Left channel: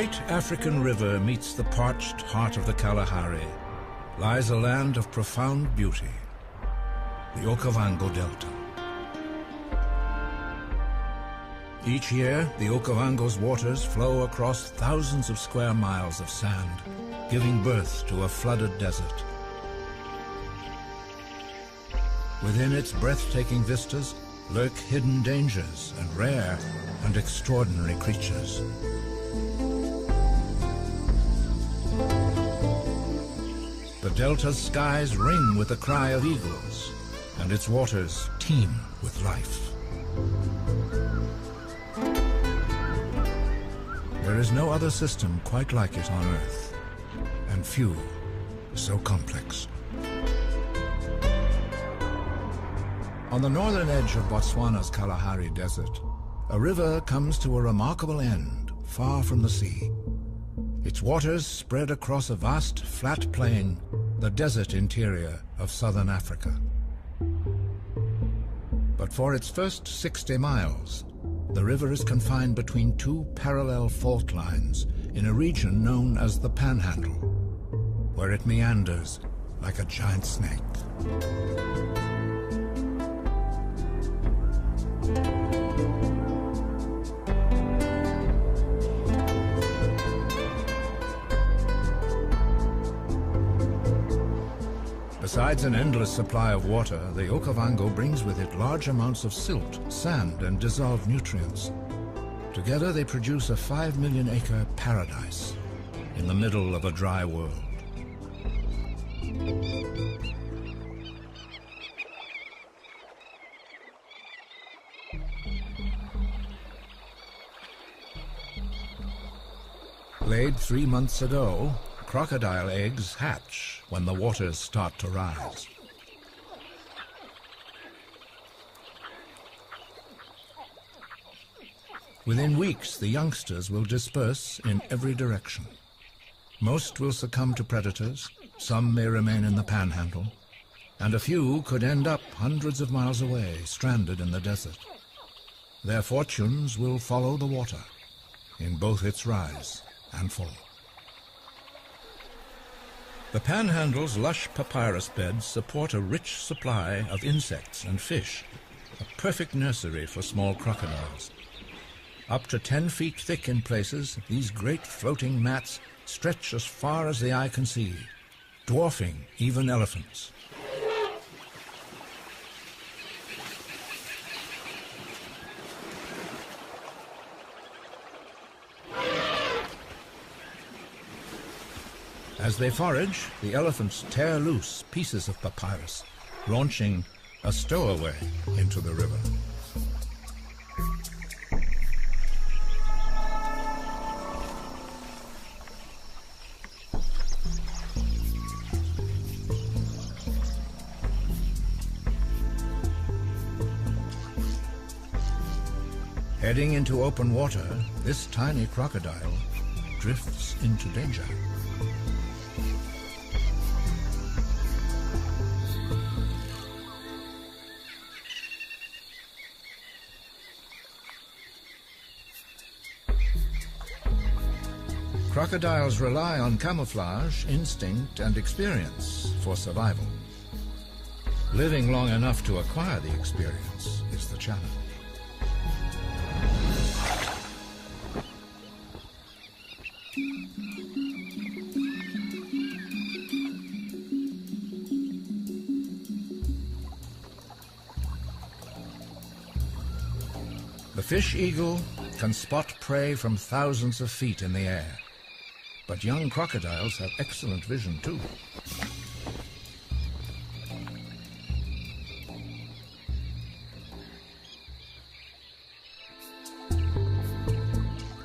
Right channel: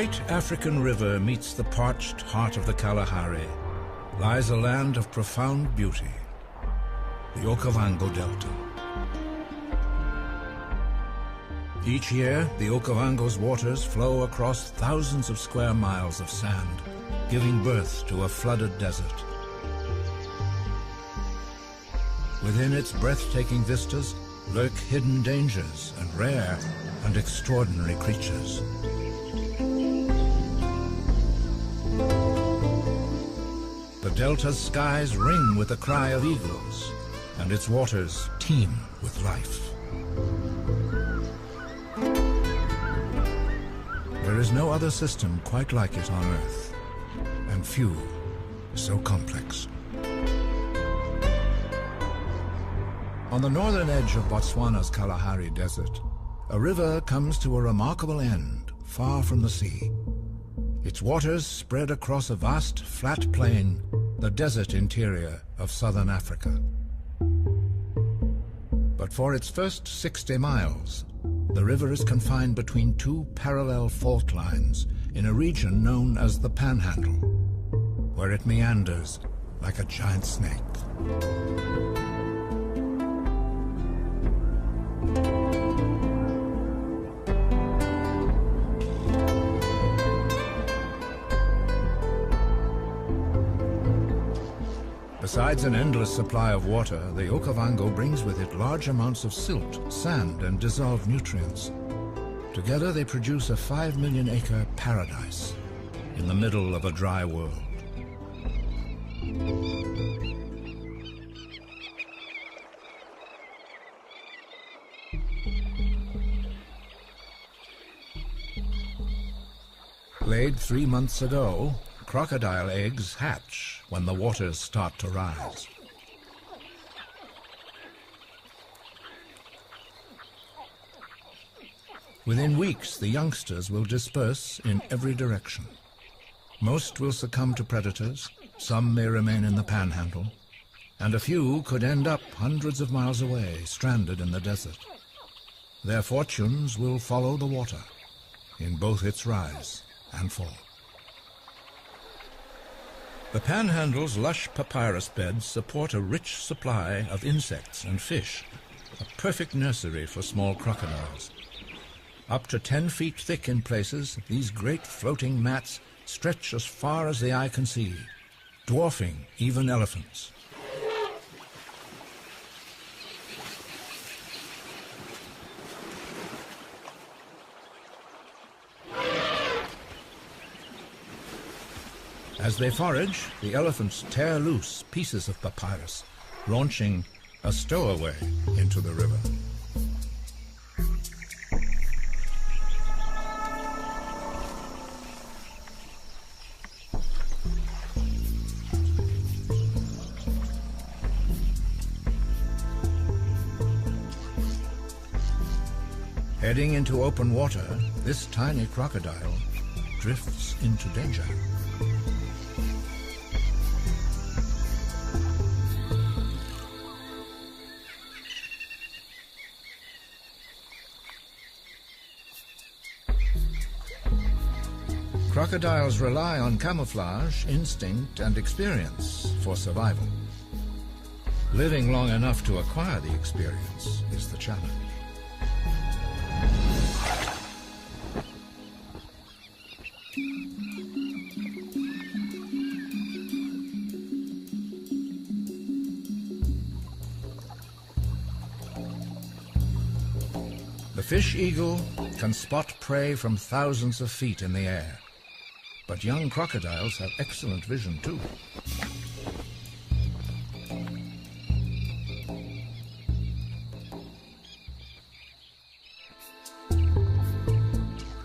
great African river meets the parched heart of the Kalahari lies a land of profound beauty, the Okavango Delta. Each year, the Okavango's waters flow across thousands of square miles of sand, giving birth to a flooded desert. Within its breathtaking vistas lurk hidden dangers and rare and extraordinary creatures. The delta's skies ring with the cry of eagles, and its waters teem with life. There is no other system quite like it on Earth, and few so complex. On the northern edge of Botswana's Kalahari Desert, a river comes to a remarkable end, far from the sea. Its waters spread across a vast, flat plain, the desert interior of southern Africa. But for its first 60 miles, the river is confined between two parallel fault lines in a region known as the Panhandle, where it meanders like a giant snake. Besides an endless supply of water, the Okavango brings with it large amounts of silt, sand, and dissolved nutrients. Together they produce a 5 million acre paradise in the middle of a dry world. Laid 3 months ago, crocodile eggs hatch when the waters start to rise. Within weeks, the youngsters will disperse in every direction. Most will succumb to predators, some may remain in the Panhandle, and a few could end up hundreds of miles away, stranded in the desert. Their fortunes will follow the water in both its rise and fall. The Panhandle's lush papyrus beds support a rich supply of insects and fish, a perfect nursery for small crocodiles. Up to 10 feet thick in places, these great floating mats stretch as far as the eye can see, dwarfing even elephants. As they forage, the elephants tear loose pieces of papyrus, launching a stowaway into the river. Heading into open water, this tiny crocodile drifts into danger. Crocodiles rely on camouflage, instinct, and experience for survival. Living long enough to acquire the experience is the challenge. The fish eagle can spot prey from thousands of feet in the air. But young crocodiles have excellent vision too.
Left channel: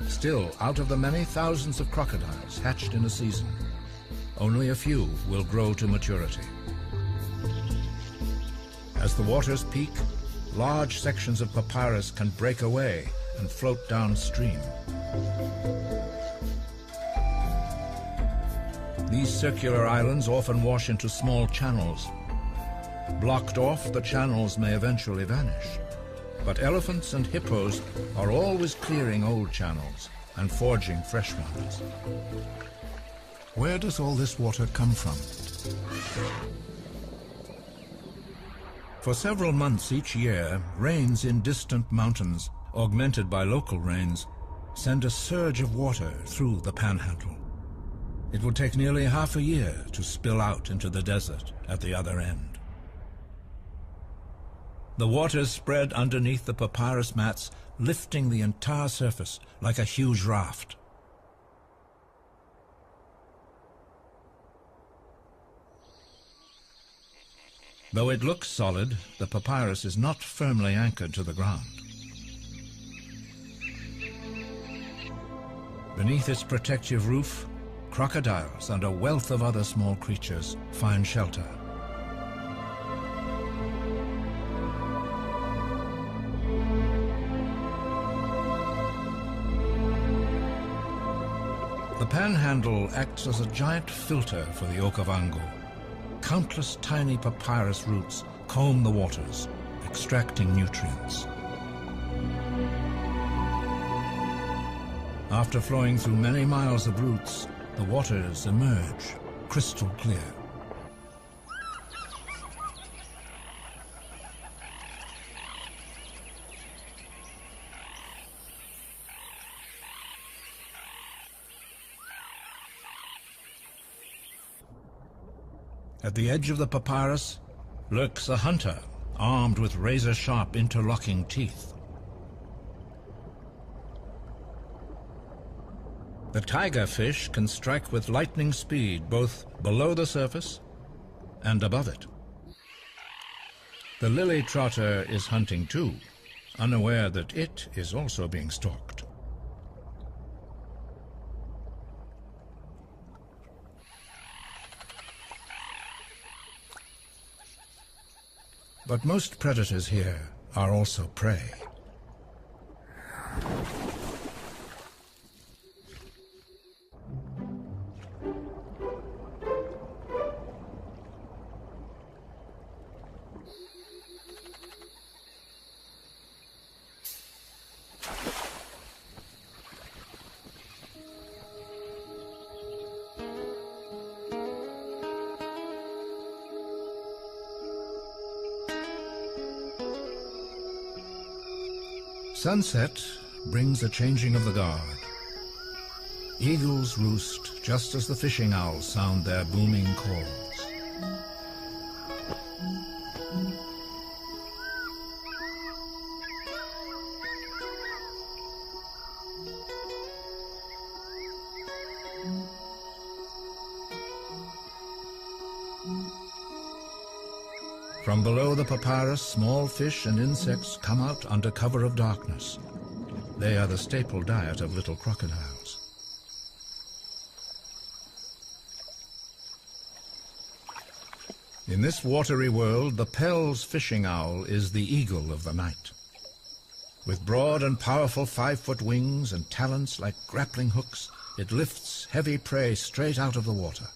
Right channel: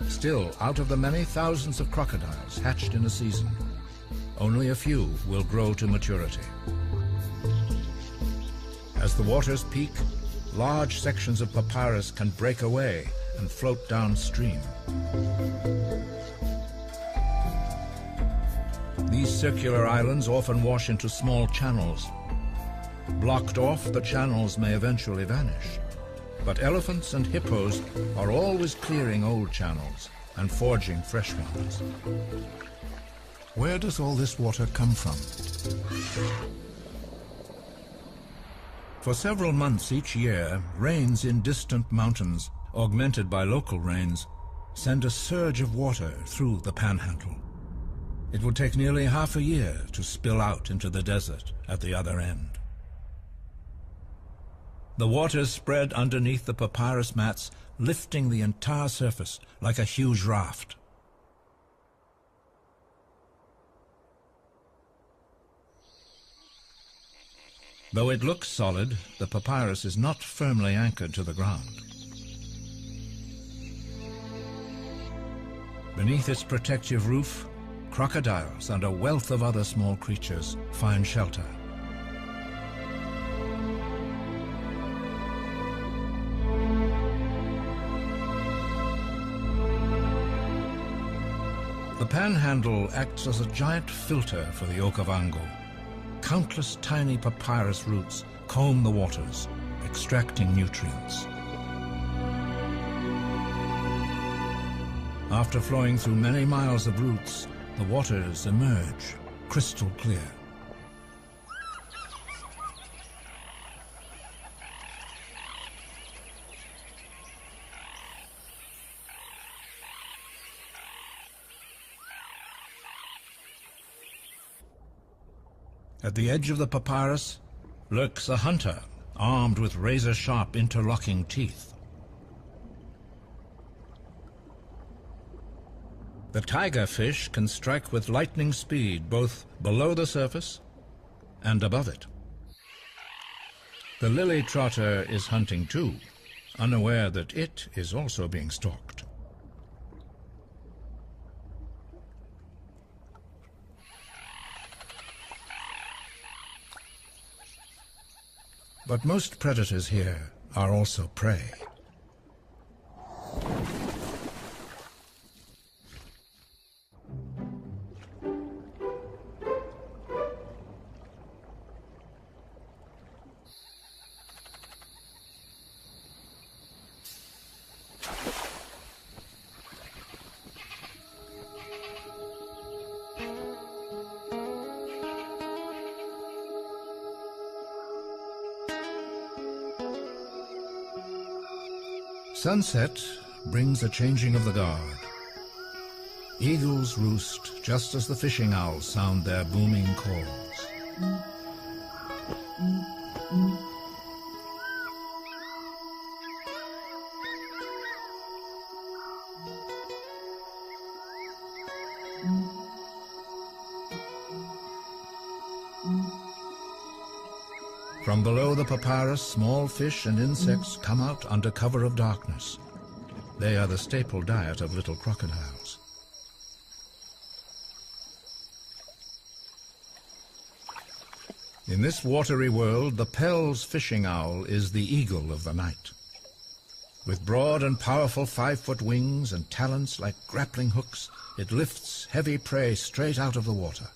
Still, out of the many thousands of crocodiles hatched in a season, only a few will grow to maturity. As the waters peak, large sections of papyrus can break away and float downstream. These circular islands often wash into small channels. Blocked off, the channels may eventually vanish. But elephants and hippos are always clearing old channels, and forging fresh ones. Where does all this water come from? For several months each year, rains in distant mountains, augmented by local rains, send a surge of water through the Panhandle. It would take nearly half a year to spill out into the desert at the other end. The waters spread underneath the papyrus mats, lifting the entire surface like a huge raft. Though it looks solid, the papyrus is not firmly anchored to the ground. Beneath its protective roof, crocodiles and a wealth of other small creatures find shelter. The Panhandle acts as a giant filter for the Okavango. Countless tiny papyrus roots comb the waters, extracting nutrients. After flowing through many miles of roots, the waters emerge crystal clear. At the edge of the papyrus lurks a hunter, armed with razor-sharp interlocking teeth. The tiger fish can strike with lightning speed both below the surface and above it. The lily trotter is hunting too, unaware that it is also being stalked. But most predators here are also prey. Sunset brings a changing of the guard. Eagles roost just as the fishing owls sound their booming calls. From below the papyrus, small fish and insects come out under cover of darkness. They are the staple diet of little crocodiles. In this watery world, the Pell's fishing owl is the eagle of the night. With broad and powerful 5-foot wings and talons like grappling hooks, it lifts heavy prey straight out of the water.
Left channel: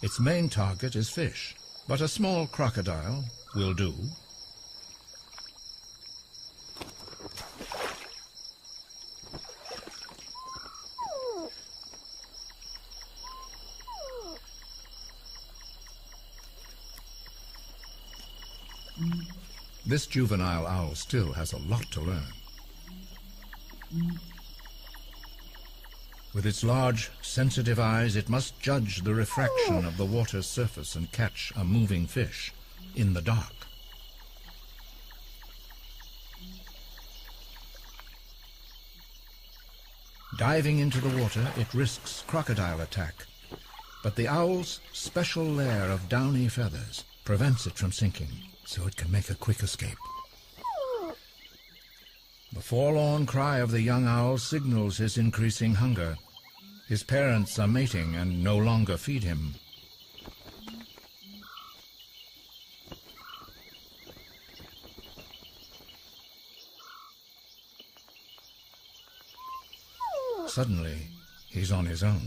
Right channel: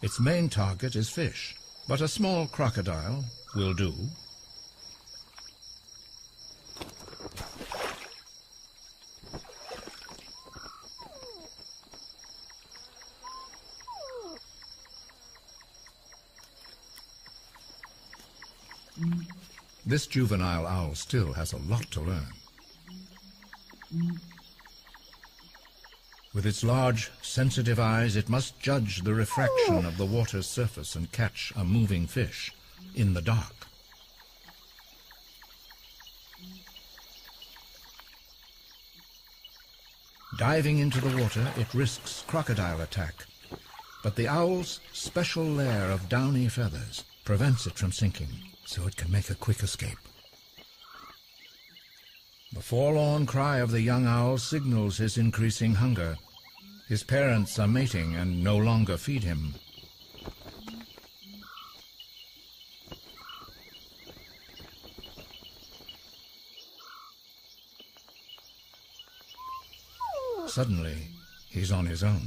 Its main target is fish, but a small crocodile will do. This juvenile owl still has a lot to learn. With its large, sensitive eyes, it must judge the refraction of the water's surface and catch a moving fish in the dark. Diving into the water, it risks crocodile attack, but the owl's special layer of downy feathers prevents it from sinking, so it can make a quick escape. The forlorn cry of the young owl signals his increasing hunger. His parents are mating and no longer feed him. Suddenly, he's on his own.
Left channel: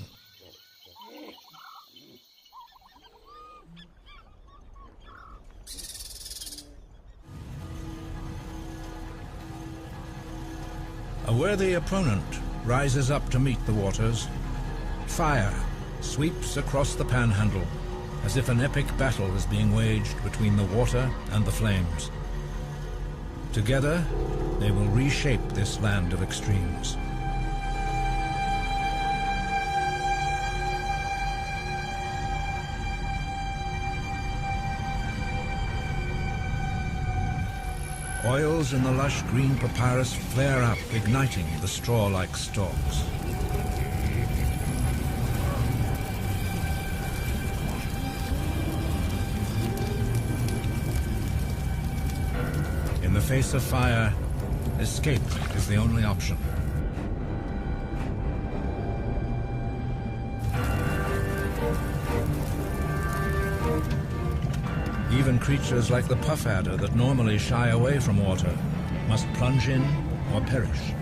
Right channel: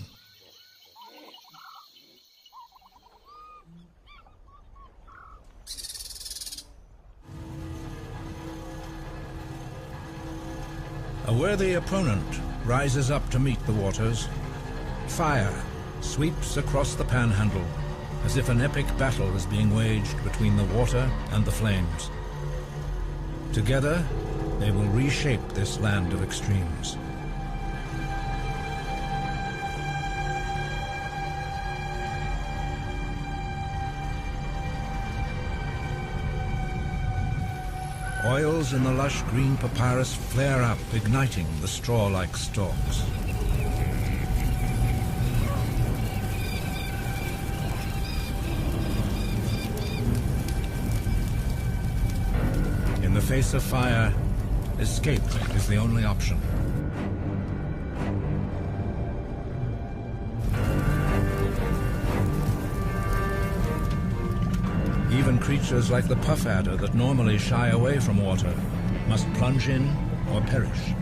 A worthy opponent rises up to meet the waters. Fire sweeps across the panhandle as if an epic battle is being waged between the water and the flames. Together, they will reshape this land of extremes. Oils in the lush green papyrus flare up, igniting the straw-like stalks. In the face of fire, escape is the only option. Even creatures like the puff adder that normally shy away from water must plunge in or perish.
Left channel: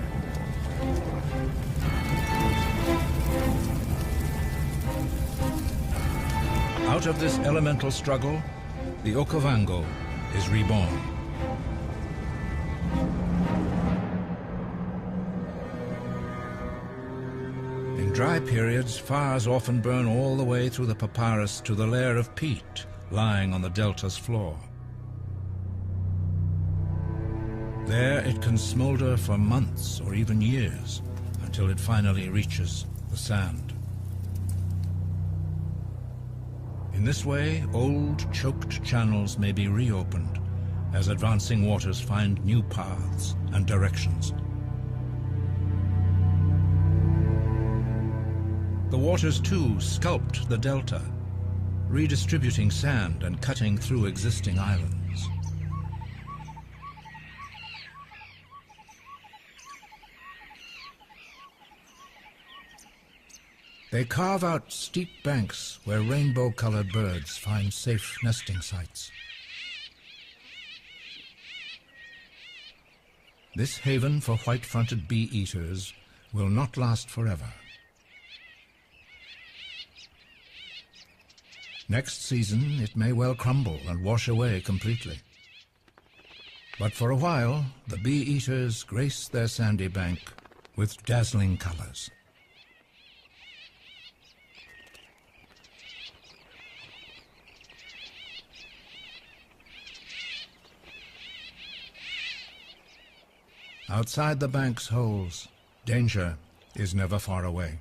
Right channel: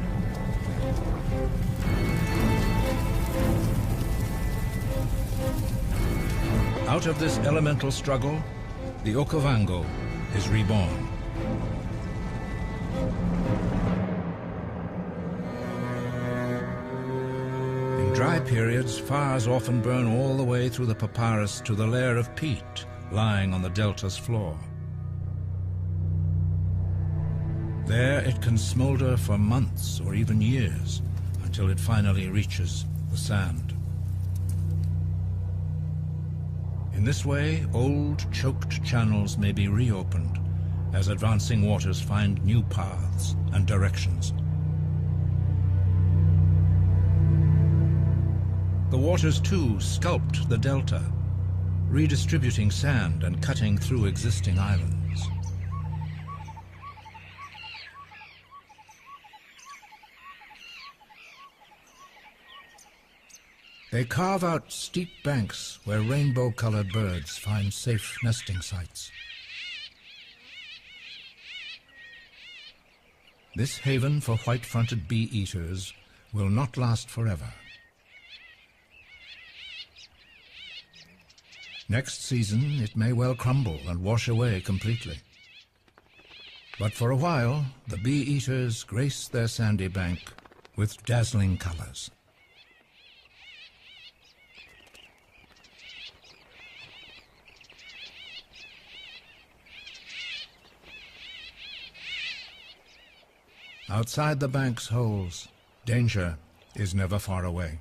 Out of this elemental struggle, the Okavango is reborn. In dry periods, fires often burn all the way through the papyrus to the layer of peat lying on the delta's floor. There it can smolder for months or even years until it finally reaches the sand. In this way, old choked channels may be reopened as advancing waters find new paths and directions. The waters too sculpt the delta, redistributing sand and cutting through existing islands. They carve out steep banks where rainbow-colored birds find safe nesting sites. This haven for white-fronted bee-eaters will not last forever. Next season, it may well crumble and wash away completely. But for a while, the bee-eaters grace their sandy bank with dazzling colors. Outside the bank's holes, danger is never far away.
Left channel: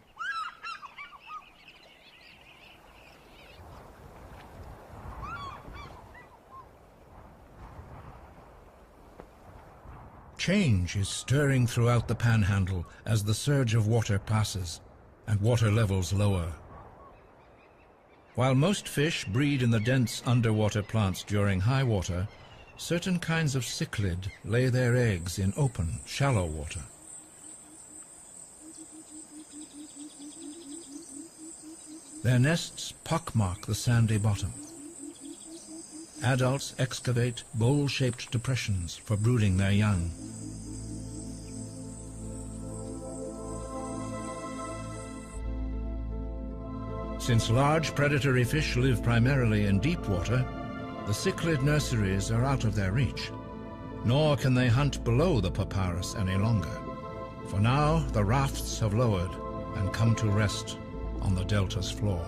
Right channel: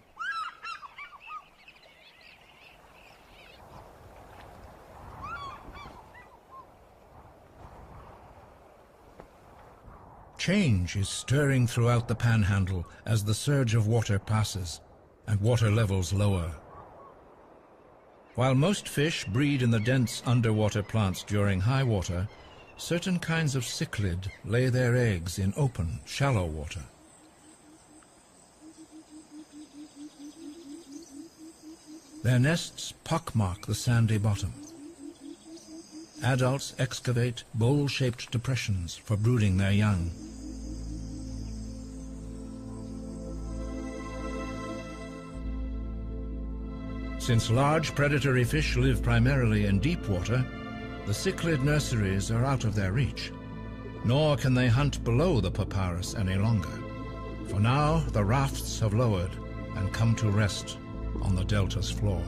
Change is stirring throughout the panhandle as the surge of water passes and water levels lower. While most fish breed in the dense underwater plants during high water, certain kinds of cichlid lay their eggs in open, shallow water. Their nests pockmark the sandy bottom. Adults excavate bowl-shaped depressions for brooding their young. Since large predatory fish live primarily in deep water, the cichlid nurseries are out of their reach, nor can they hunt below the papyrus any longer. For now, the rafts have lowered and come to rest on the delta's floor.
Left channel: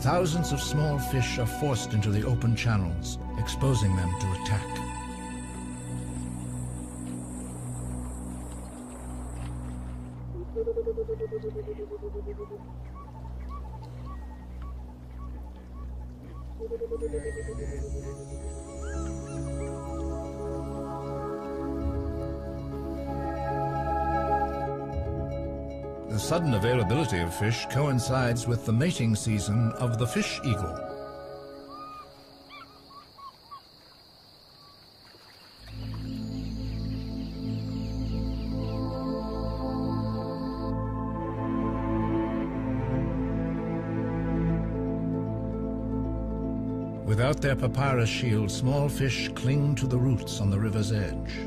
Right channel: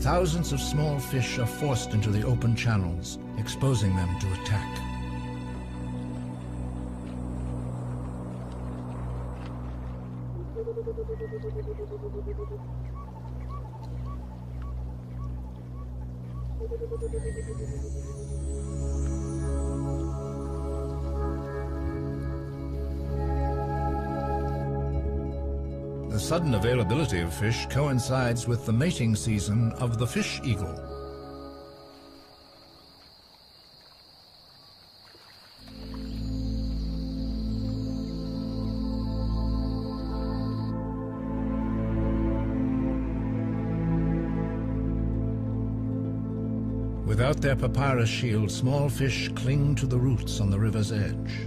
Thousands of small fish are forced into the open channels, exposing them to attack. The sudden availability of fish coincides with the mating season of the fish eagle. Without their papyrus shield, small fish cling to the roots on the river's edge.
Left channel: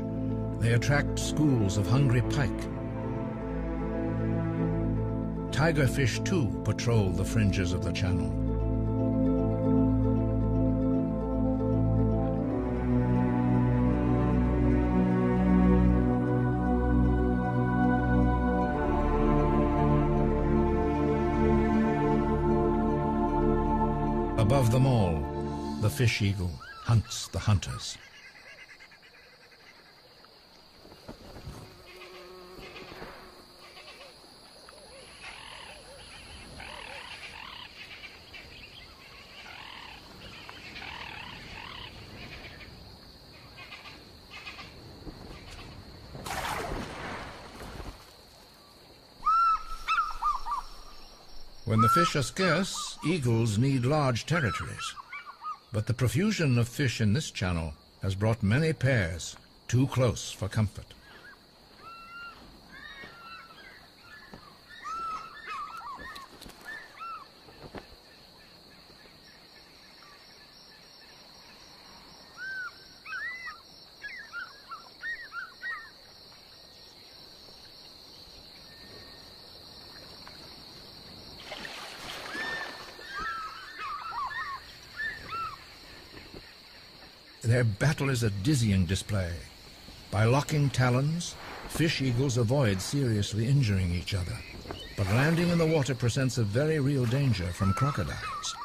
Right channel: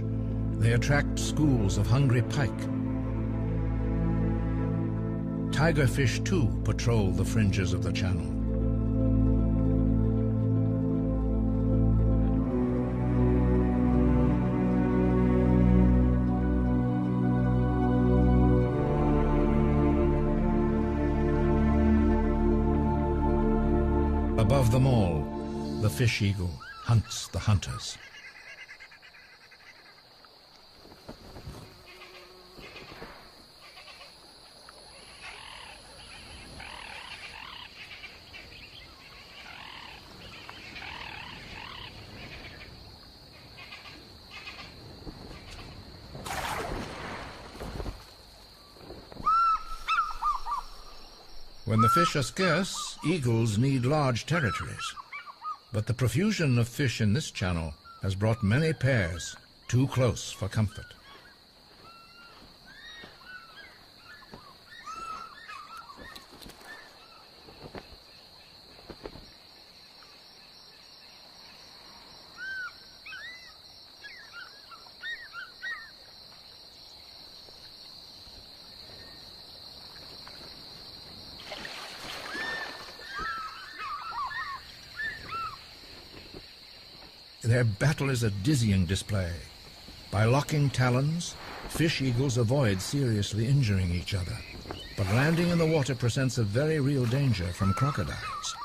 They attract schools of hungry pike. Tigerfish, too, patrol the fringes of the channel. Above them all, the fish eagle hunts the hunters. When the fish are scarce, eagles need large territories. But the profusion of fish in this channel has brought many pairs too close for comfort. Their battle is a dizzying display. By locking talons, fish eagles avoid seriously injuring each other, but landing in the water presents a very real danger from crocodiles.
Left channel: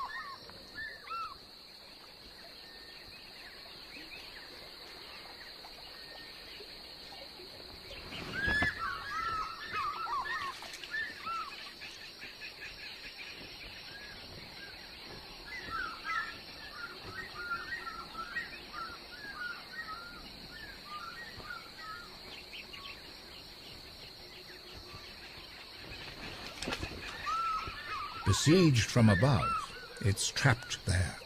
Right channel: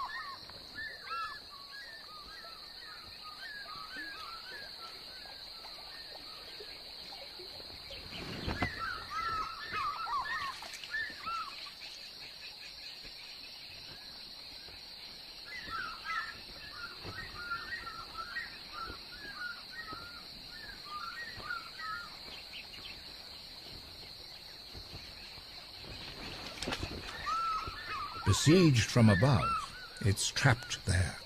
Besieged from above, it's trapped there.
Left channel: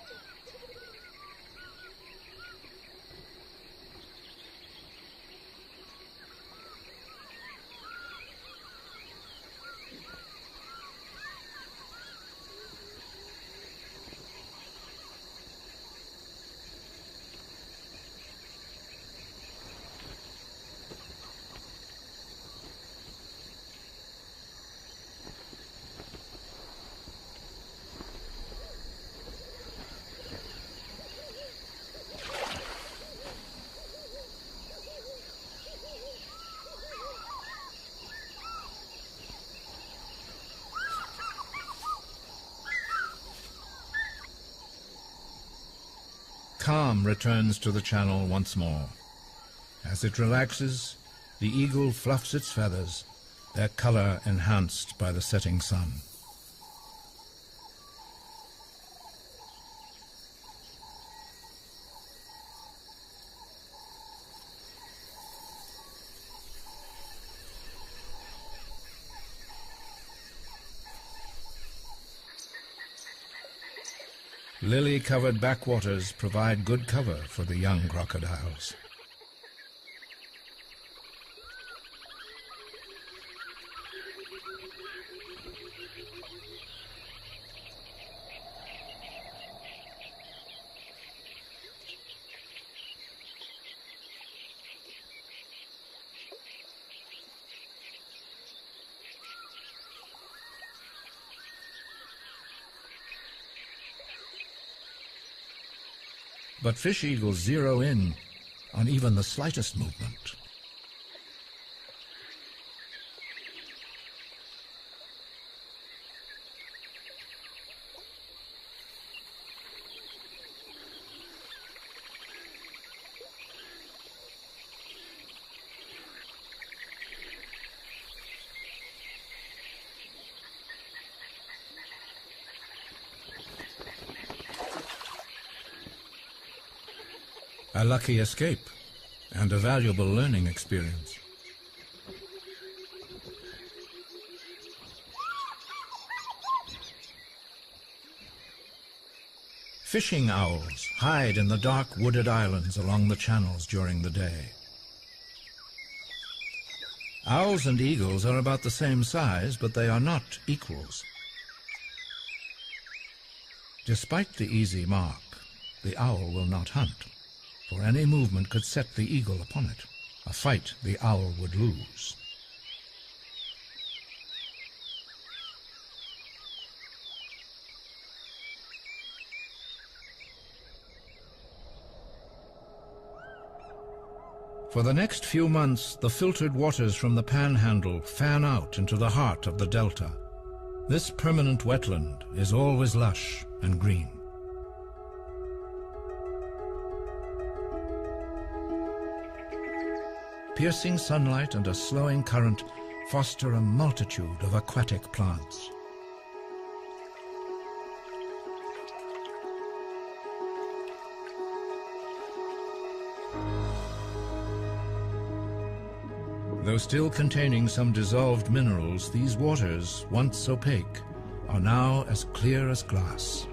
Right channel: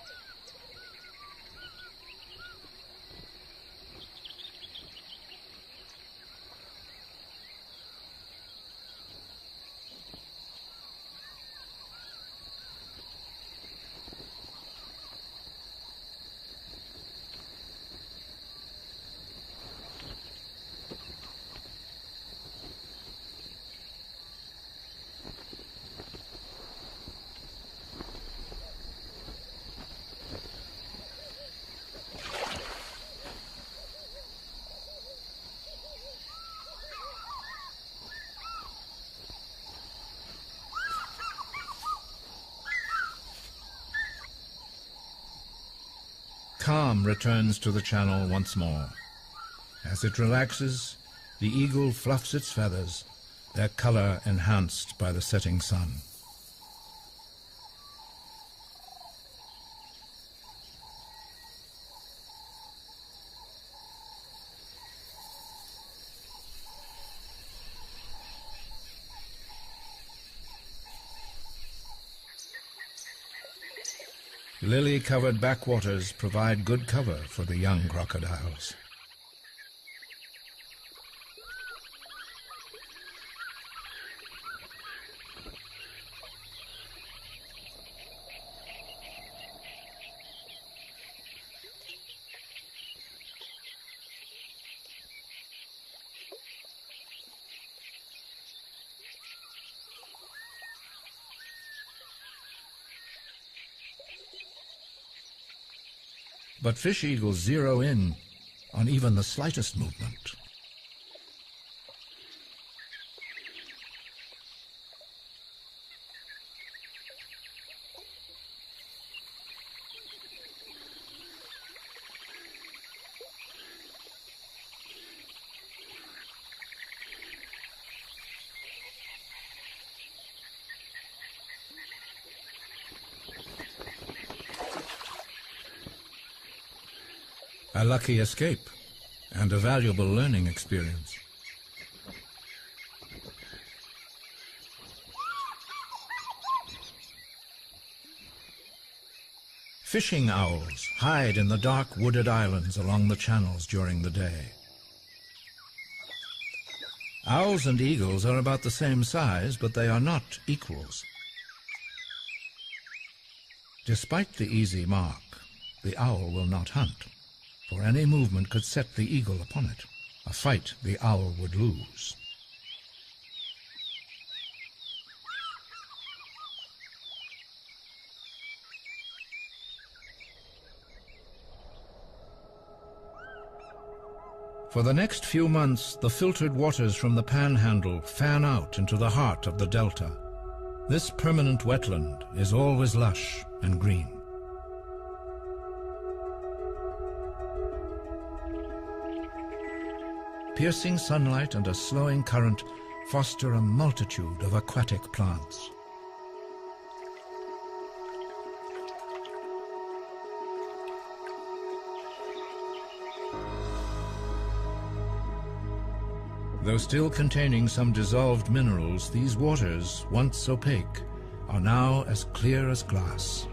Calm returns to the channel once more. As it relaxes, the eagle fluffs its feathers, their color enhanced by the setting sun. Lily-covered backwaters provide good cover for the young crocodiles. But fish eagles zero in on even the slightest movement. A lucky escape and a valuable learning experience. Fishing owls hide in the dark wooded islands along the channels during the day. Owls and eagles are about the same size, but they are not equals. Despite the easy mark, the owl will not hunt, for any movement could set the eagle upon it, a fight the owl would lose. For the next few months, the filtered waters from the Panhandle fan out into the heart of the delta. This permanent wetland is always lush and green. piercing sunlight and a slowing current foster a multitude of aquatic plants. Though still containing some dissolved minerals, these waters, once opaque, are now as clear as glass.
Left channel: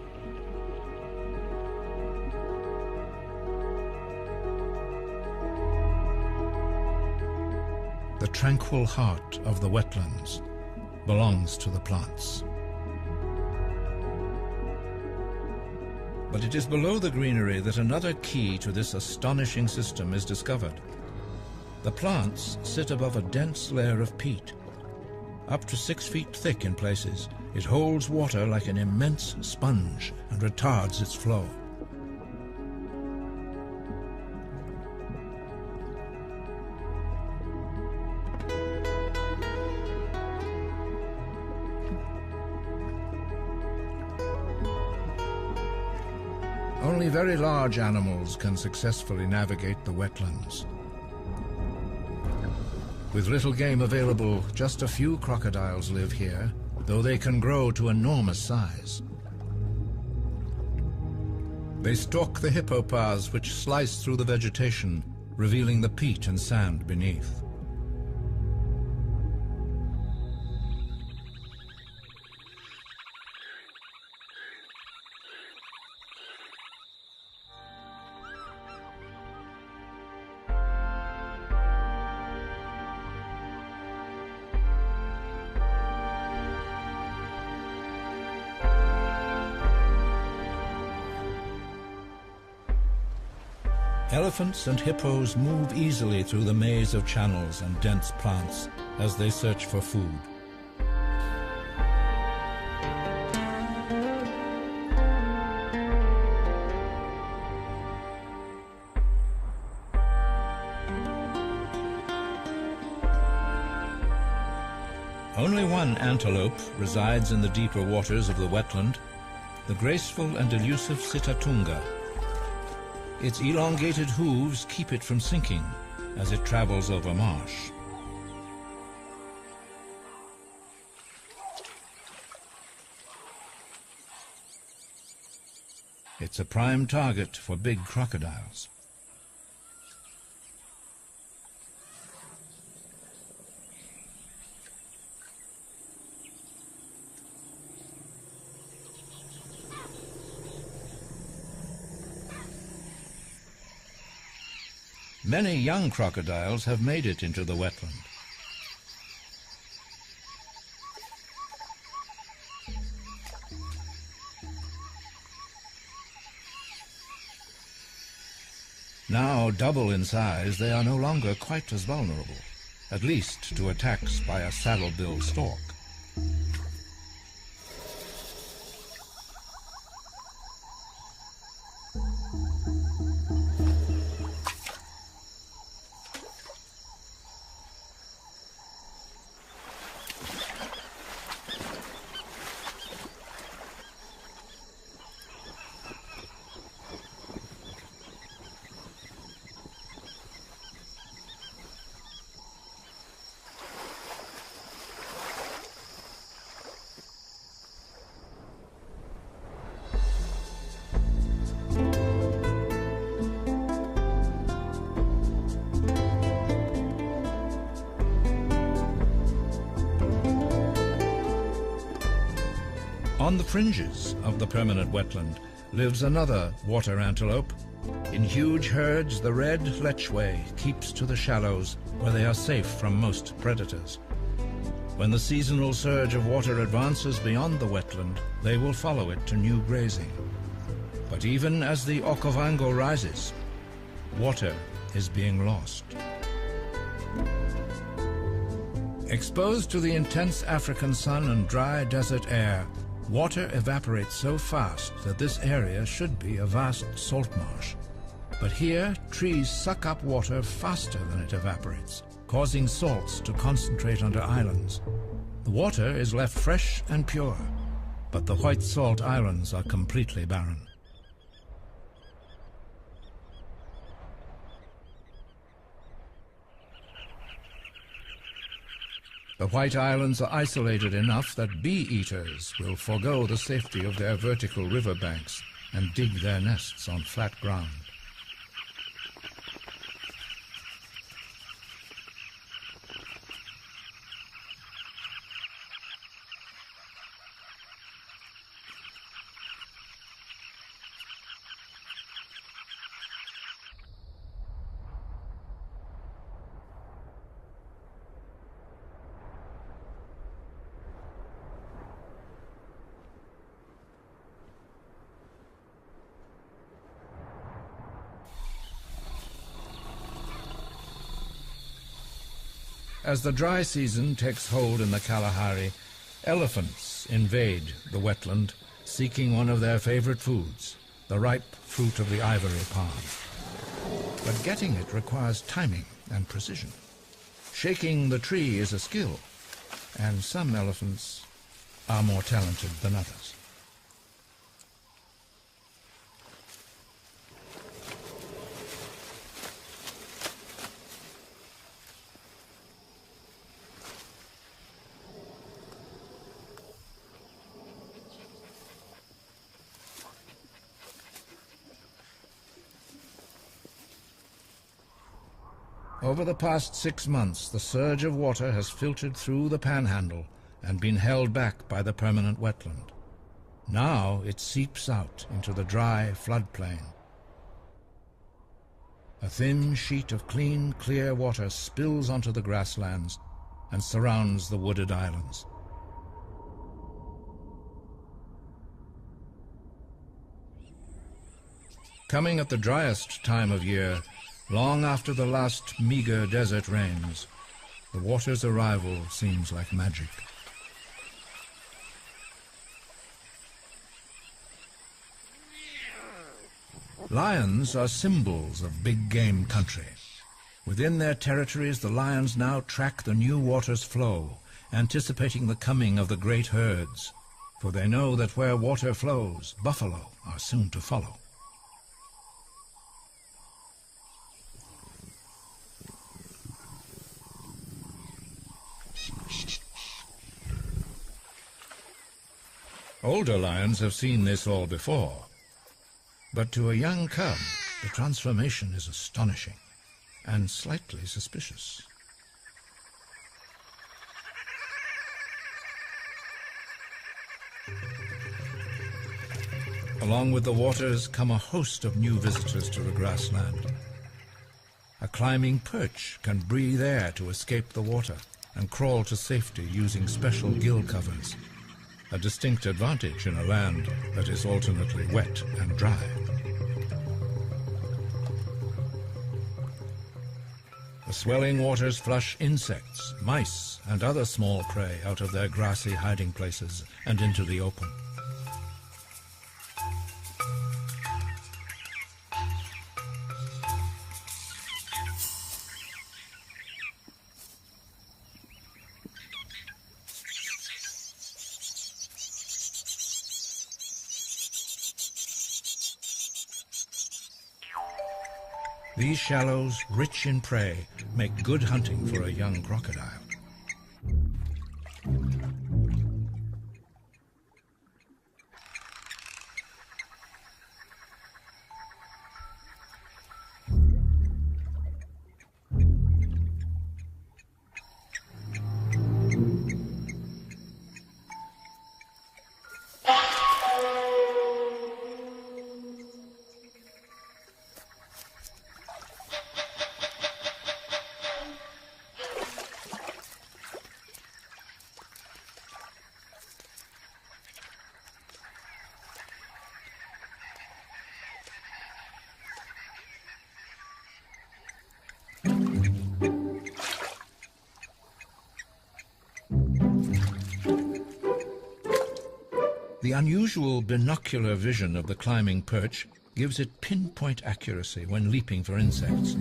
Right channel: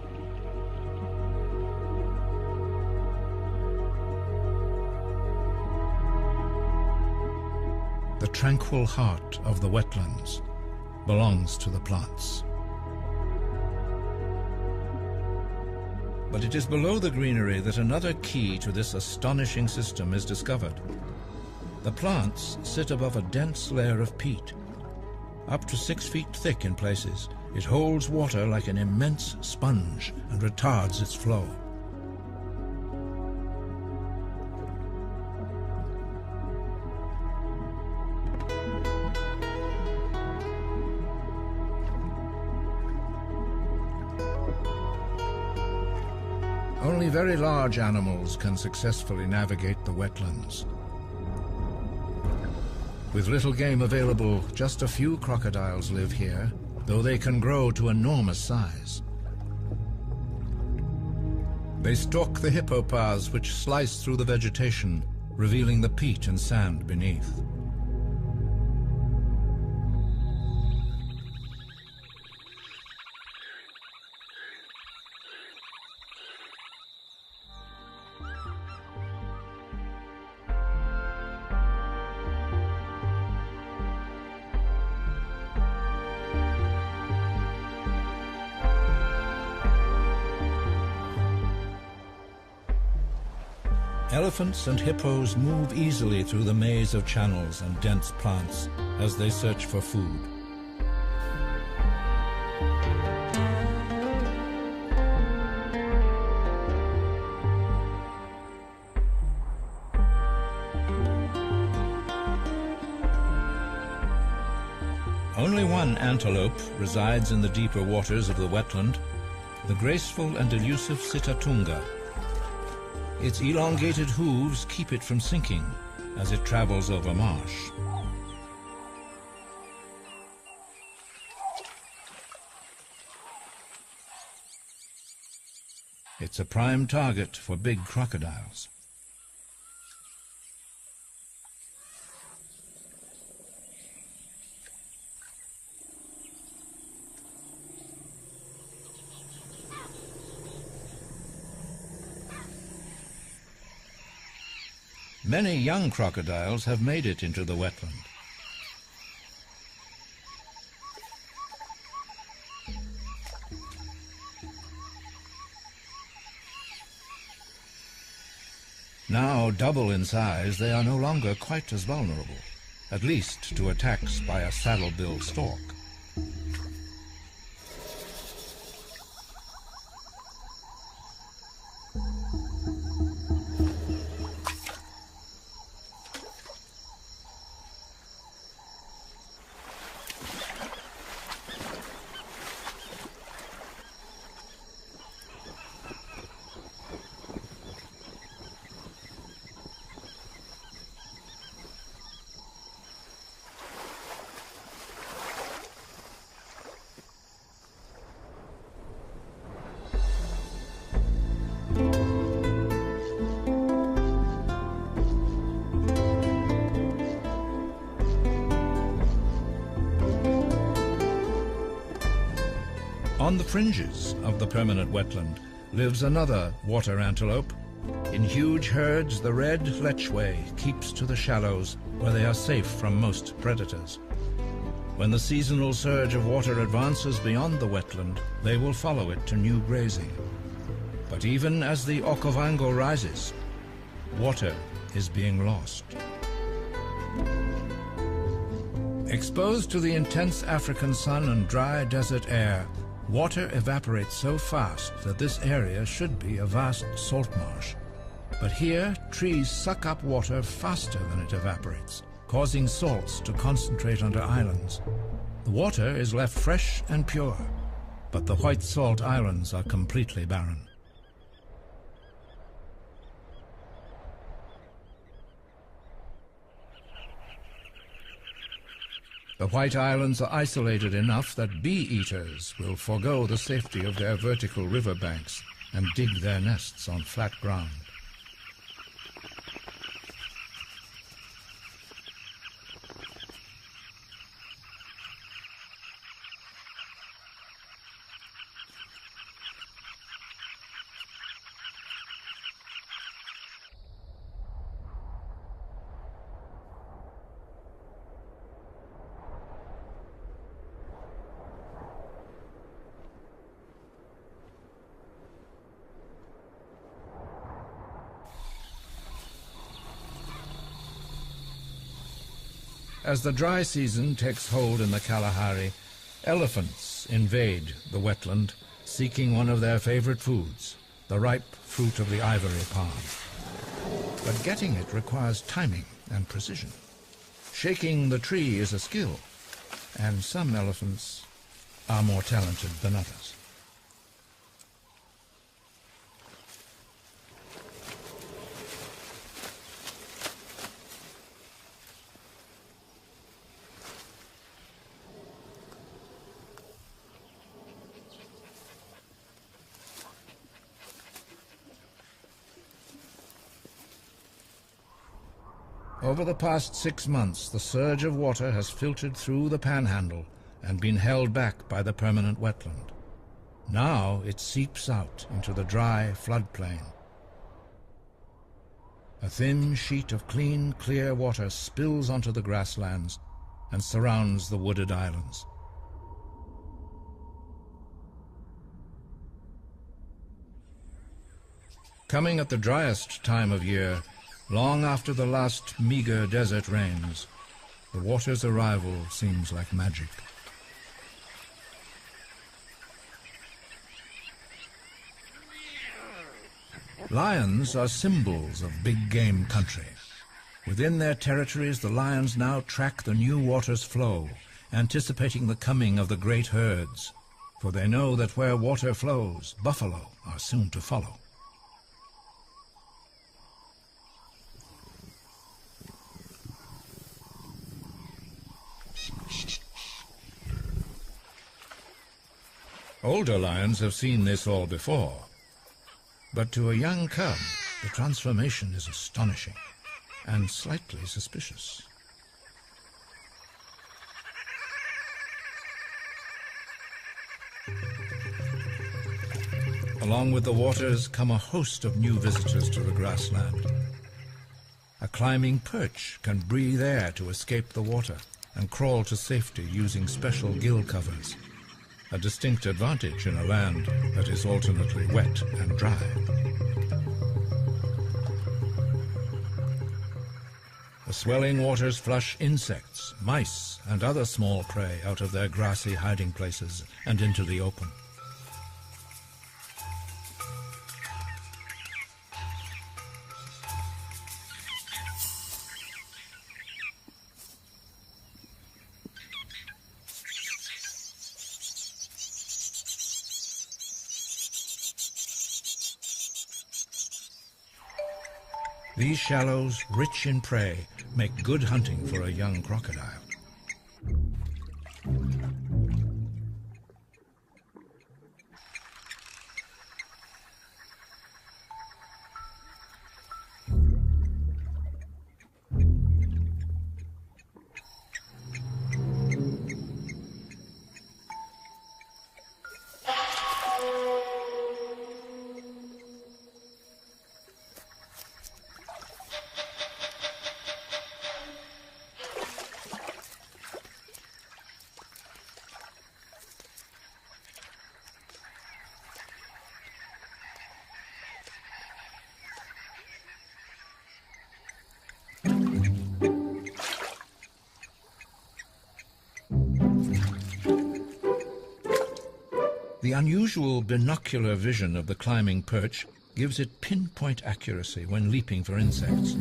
The tranquil heart of the wetlands belongs to the plants. But it is below the greenery that another key to this astonishing system is discovered. The plants sit above a dense layer of peat. Up to 6 feet thick in places, it holds water like an immense sponge and retards its flow. Only very large animals can successfully navigate the wetlands. With little game available, just a few crocodiles live here, though they can grow to enormous size. They stalk the hippo paths which slice through the vegetation, revealing the peat and sand beneath. Elephants and hippos move easily through the maze of channels and dense plants as they search for food. Only one antelope resides in the deeper waters of the wetland, the graceful and elusive Sitatunga. Its elongated hooves keep it from sinking as it travels over marsh. It's a prime target for big crocodiles. Many young crocodiles have made it into the wetland. Now double in size, they are no longer quite as vulnerable, at least to attacks by a saddle-billed stork. On the fringes of the permanent wetland lives another water antelope. In huge herds, the red lechwe keeps to the shallows where they are safe from most predators. When the seasonal surge of water advances beyond the wetland, they will follow it to new grazing. But even as the Okavango rises, water is being lost. Exposed to the intense African sun and dry desert air, water evaporates so fast that this area should be a vast salt marsh. But here, trees suck up water faster than it evaporates, causing salts to concentrate onto islands. The water is left fresh and pure, but the white salt islands are completely barren. The White Islands are isolated enough that bee-eaters will forego the safety of their vertical riverbanks and dig their nests on flat ground. As the dry season takes hold in the Kalahari, elephants invade the wetland, seeking one of their favorite foods, the ripe fruit of the ivory palm. But getting it requires timing and precision. Shaking the tree is a skill, and some elephants are more talented than others. Over the past 6 months, the surge of water has filtered through the panhandle and been held back by the permanent wetland. Now it seeps out into the dry floodplain. A thin sheet of clean, clear water spills onto the grasslands and surrounds the wooded islands. Coming at the driest time of year, long after the last meager desert rains, the water's arrival seems like magic. Lions are symbols of big game country. Within their territories, the lions now track the new water's flow, anticipating the coming of the great herds, for they know that where water flows, buffalo are soon to follow. Older lions have seen this all before, but to a young cub, the transformation is astonishing and slightly suspicious. Along with the waters come a host of new visitors to the grassland. A climbing perch can breathe air to escape the water and crawl to safety using special gill covers, a distinct advantage in a land that is alternately wet and dry. The swelling waters flush insects, mice, and other small prey out of their grassy hiding places and into the open. These shallows, rich in prey, make good hunting for a young crocodile. The unusual binocular vision of the climbing perch gives it pinpoint accuracy when leaping for insects.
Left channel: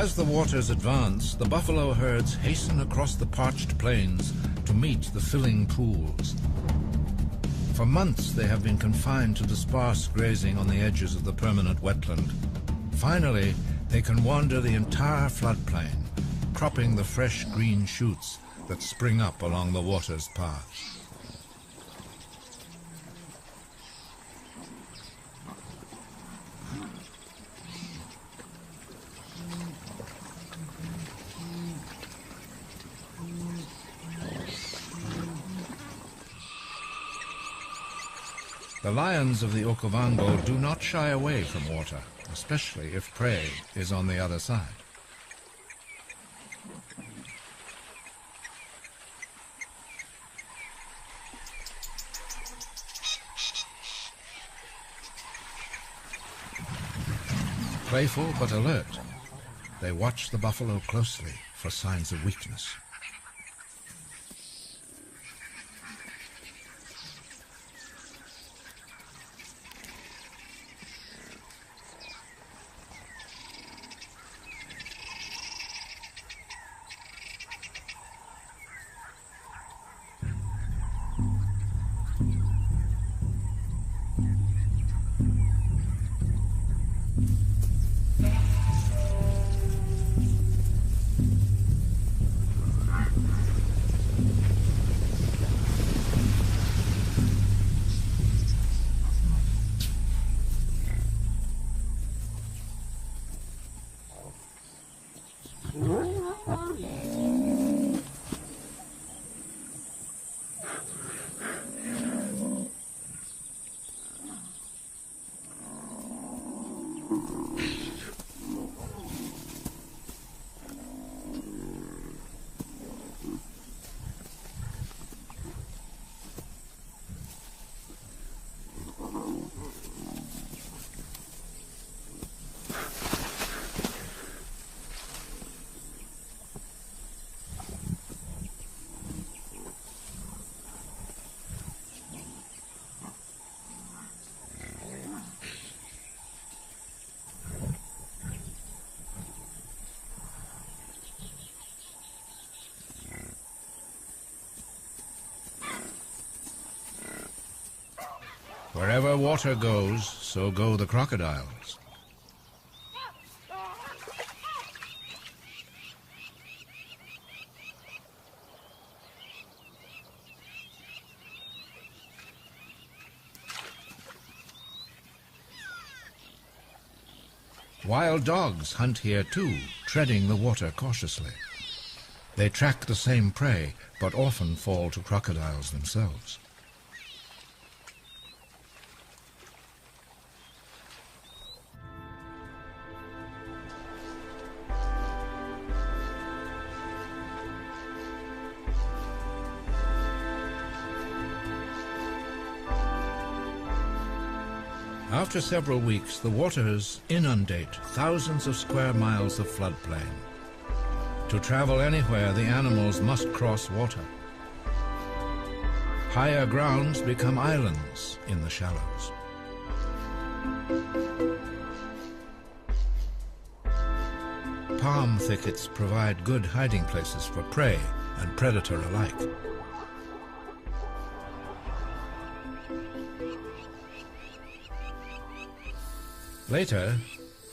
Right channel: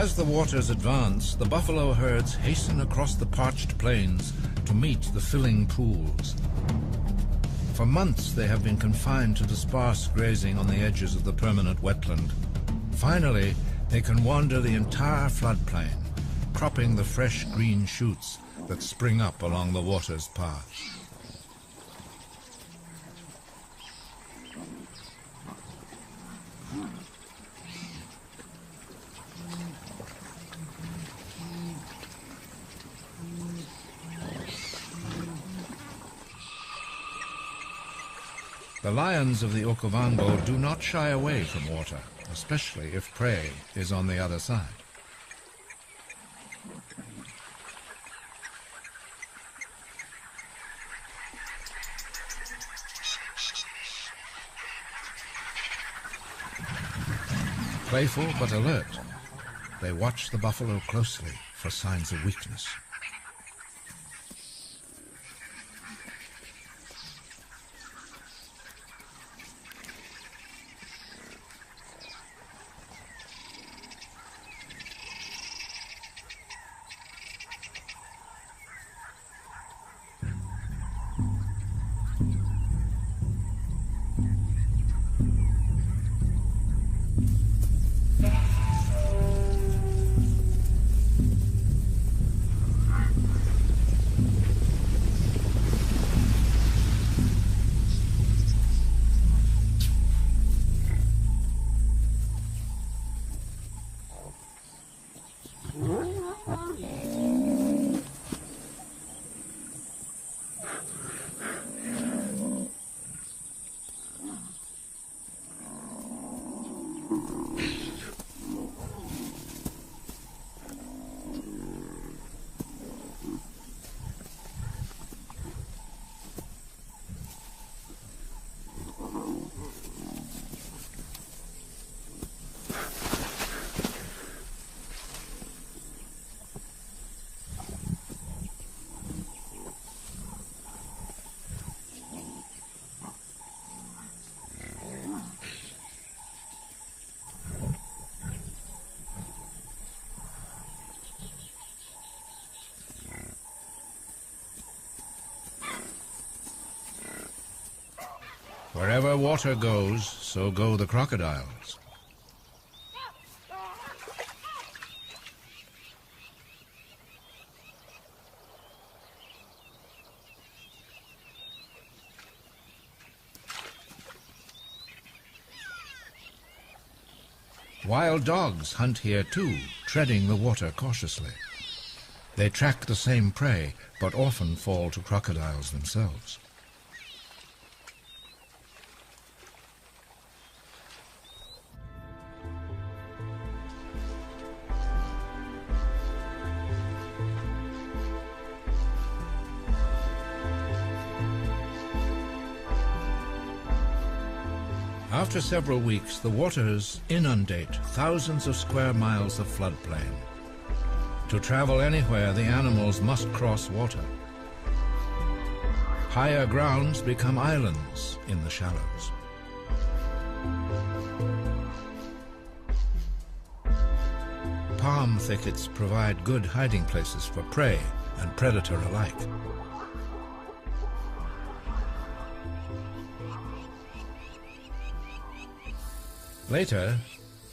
As the waters advance, the buffalo herds hasten across the parched plains to meet the filling pools. For months they have been confined to the sparse grazing on the edges of the permanent wetland. Finally, they can wander the entire floodplain, cropping the fresh green shoots that spring up along the water's path. The lions of the Okavango do not shy away from water, especially if prey is on the other side. Playful but alert, they watch the buffalo closely for signs of weakness. Wherever water goes, so go the crocodiles. Wild dogs hunt here too, treading the water cautiously. They track the same prey, but often fall to crocodiles themselves. After several weeks, the waters inundate thousands of square miles of floodplain. To travel anywhere, the animals must cross water. Higher grounds become islands in the shallows. Palm thickets provide good hiding places for prey and predator alike. Later,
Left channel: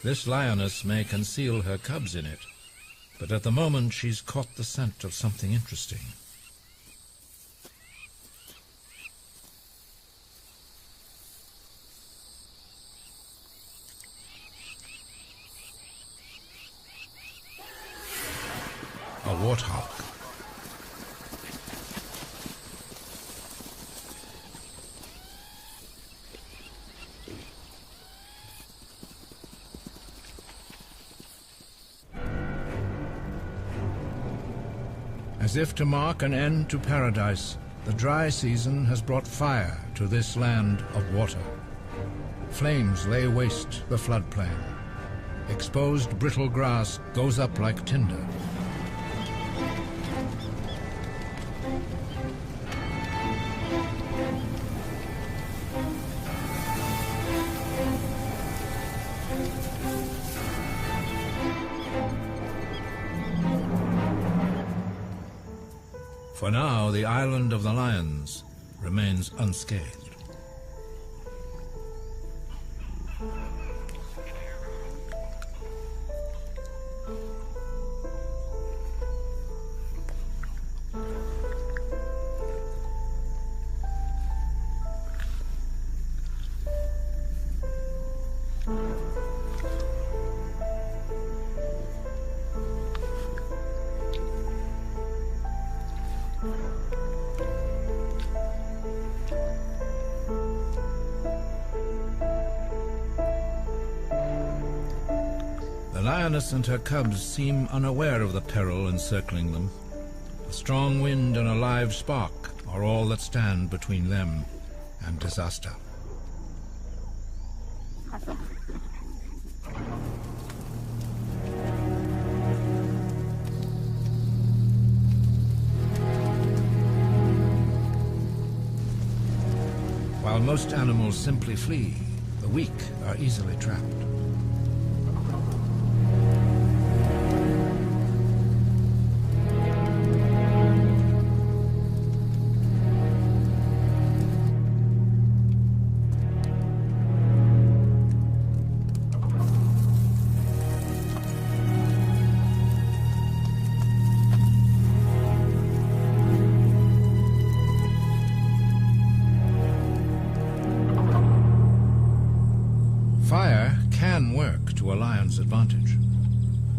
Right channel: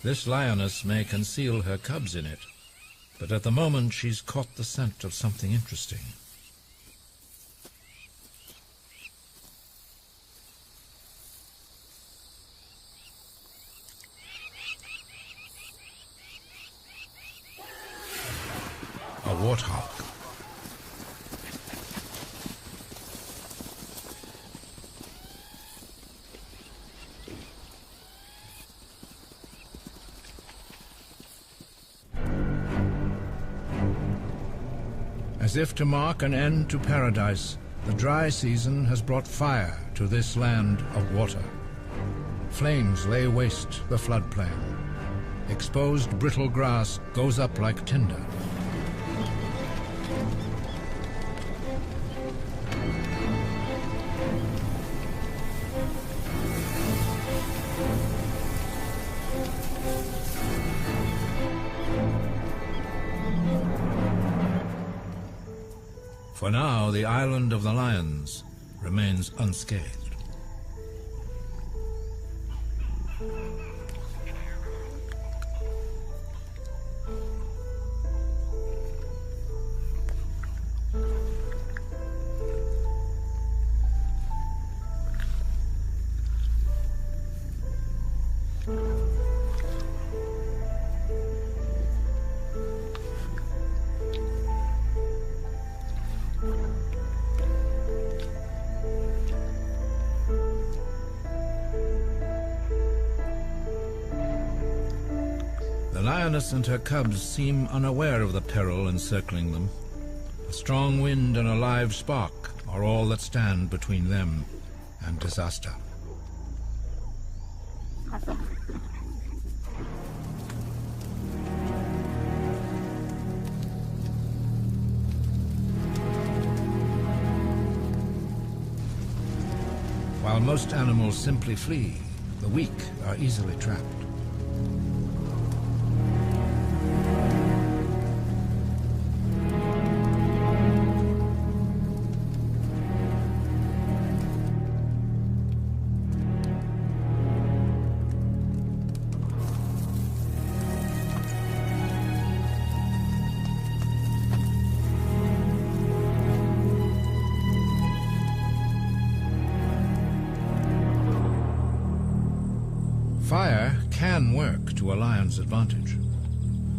this lioness may conceal her cubs in it, but at the moment she's caught the scent of something interesting. A warthog. As if to mark an end to paradise, the dry season has brought fire to this land of water. Flames lay waste the floodplain. Exposed brittle grass goes up like tinder. For now, the island of the lions remains unscathed. The lioness and her cubs seem unaware of the peril encircling them. A strong wind and a live spark are all that stand between them and disaster. While most animals simply flee, the weak are easily trapped. Fire can work to a lion's advantage.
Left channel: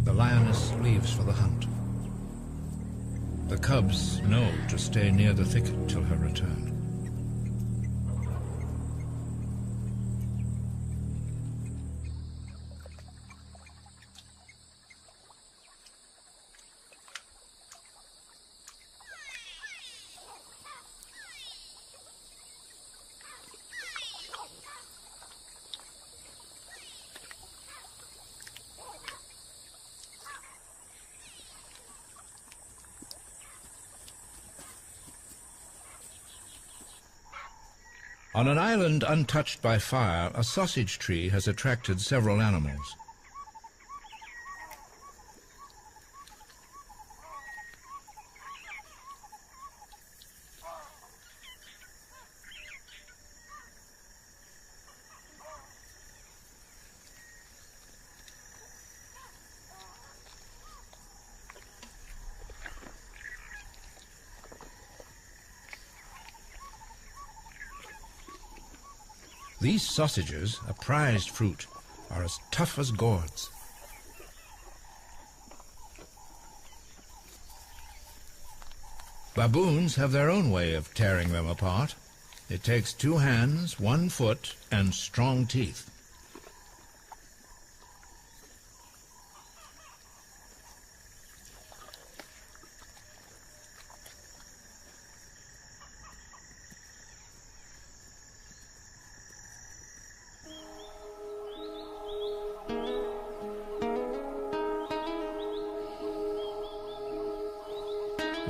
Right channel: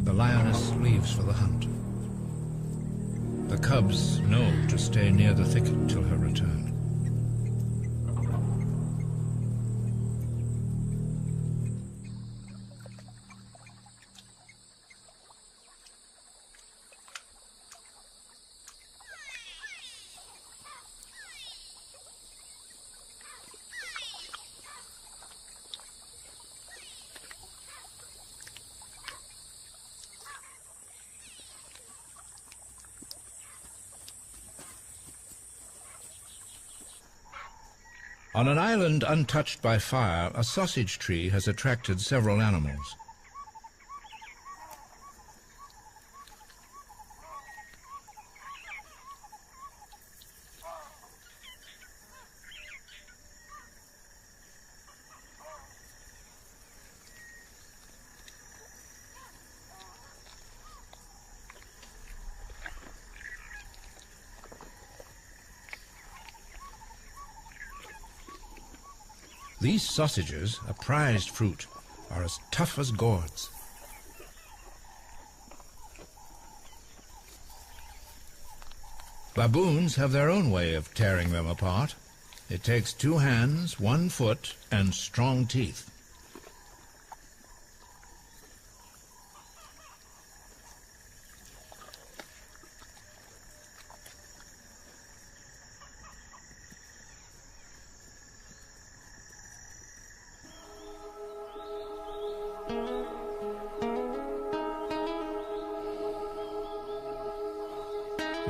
The lioness leaves for the hunt. The cubs know to stay near the thicket till her return. On an island untouched by fire, a sausage tree has attracted several animals. These sausages, a prized fruit, are as tough as gourds. Baboons have their own way of tearing them apart. It takes 2 hands, 1 foot, and strong teeth.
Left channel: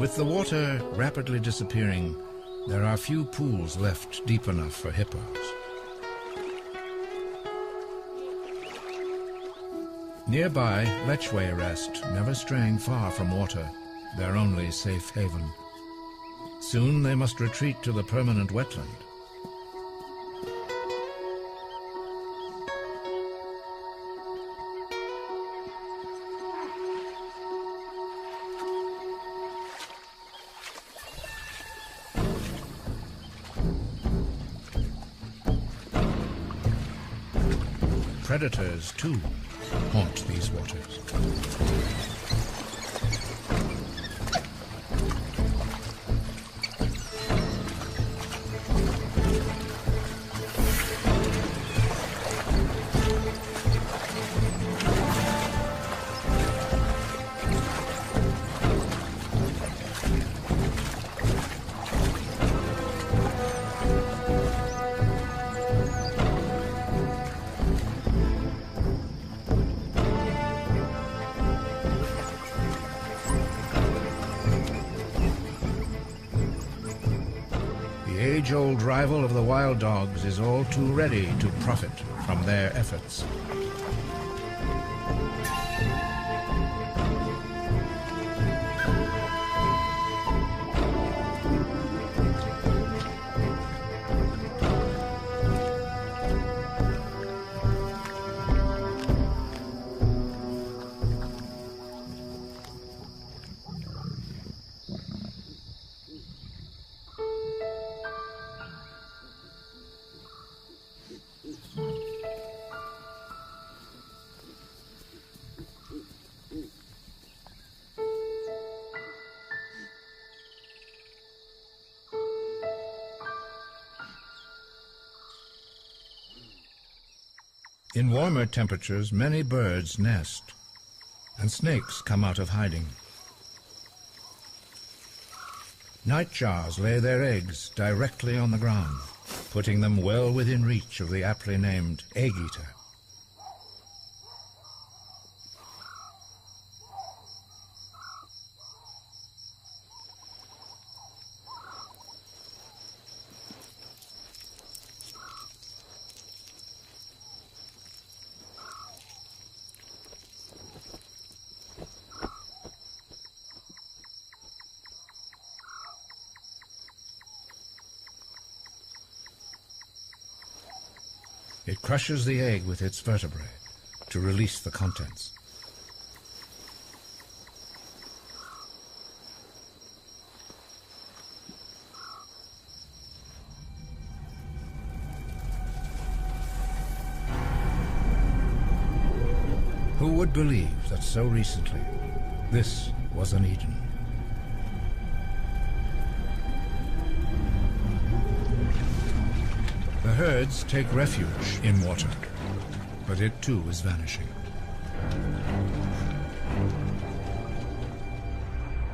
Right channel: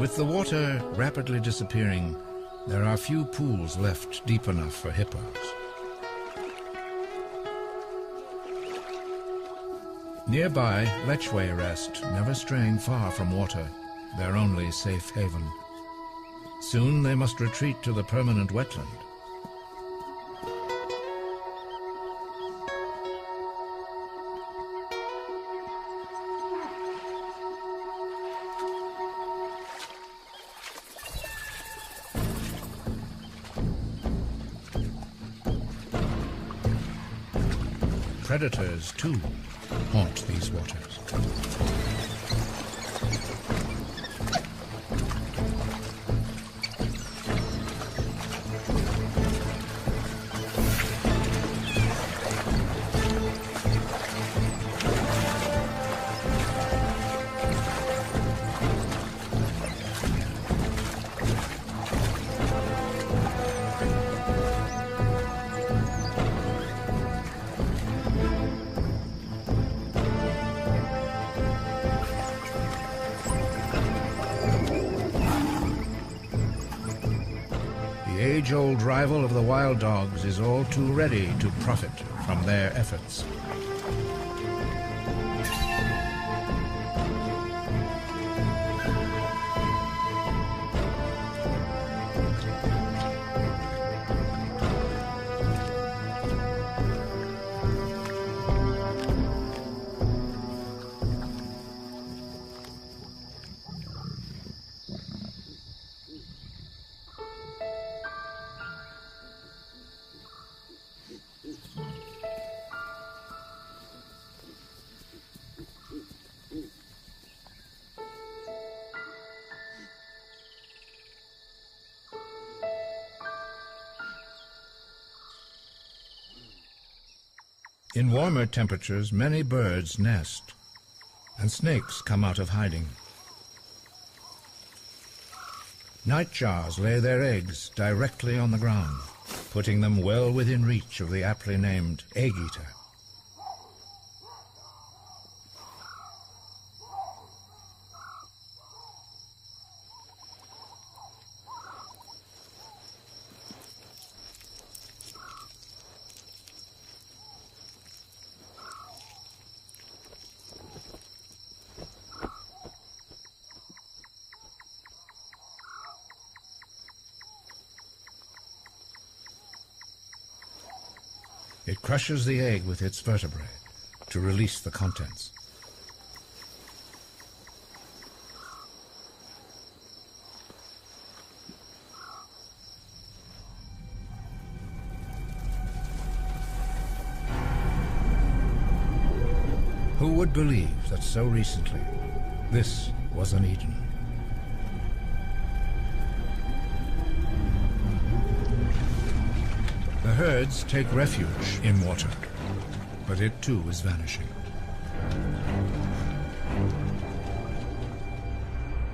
With the water rapidly disappearing, there are few pools left deep enough for hippos. Nearby, lechwe rest, never straying far from water, their only safe haven. Soon they must retreat to the permanent wetland. Predators, too, haunt these waters. The age-old rival of the wild dogs is all too ready to profit from their efforts. In warmer temperatures, many birds nest, and snakes come out of hiding. Nightjars lay their eggs directly on the ground, putting them well within reach of the aptly named egg-eater. It crushes the egg with its vertebrae to release the contents. Who would believe that so recently this was an Eden? The herds take refuge in water, but it too is vanishing.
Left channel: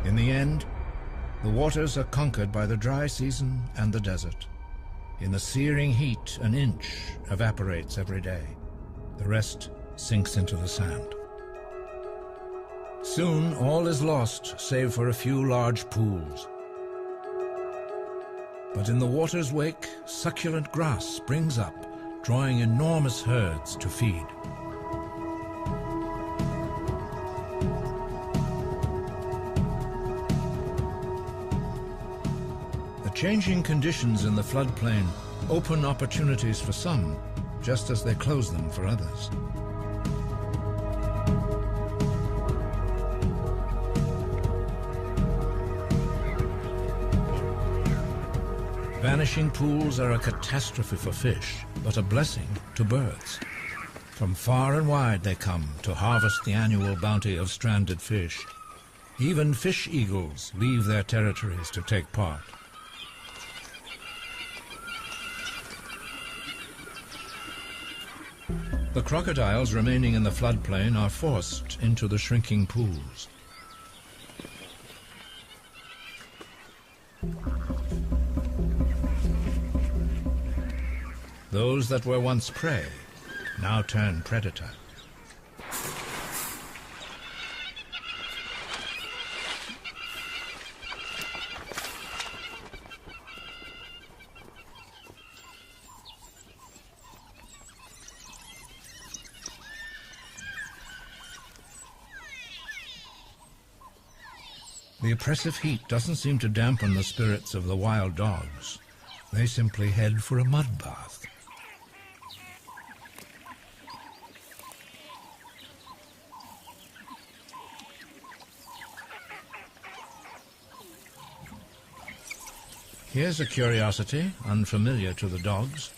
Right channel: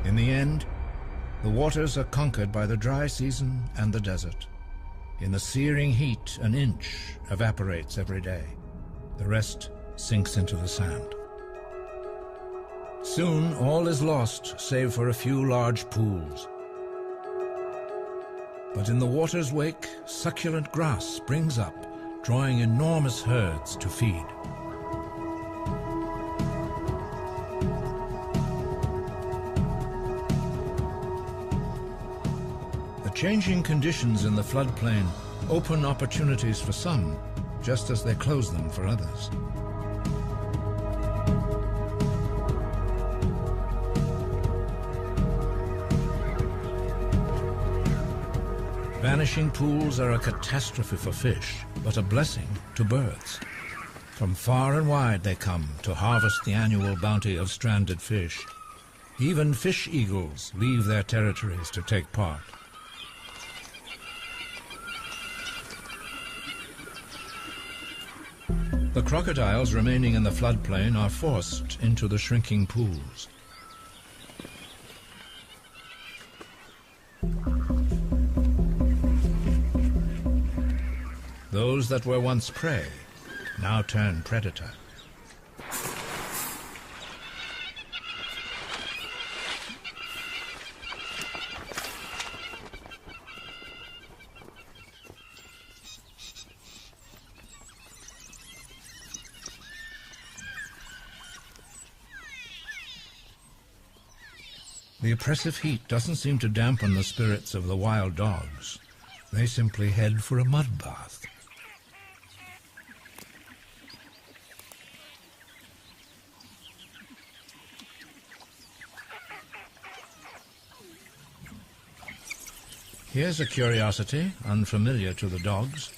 In the end, the waters are conquered by the dry season and the desert. In the searing heat, an inch evaporates every day. The rest sinks into the sand. Soon all is lost, save for a few large pools. But in the water's wake, succulent grass springs up, drawing enormous herds to feed. The changing conditions in the floodplain open opportunities for some, just as they close them for others. Vanishing pools are a catastrophe for fish, but a blessing to birds. From far and wide they come to harvest the annual bounty of stranded fish. Even fish eagles leave their territories to take part. The crocodiles remaining in the floodplain are forced into the shrinking pools. Those that were once prey now turn predator. The oppressive heat doesn't seem to dampen the spirits of the wild dogs. They simply head for a mud bath. Here's a curiosity unfamiliar to the dogs.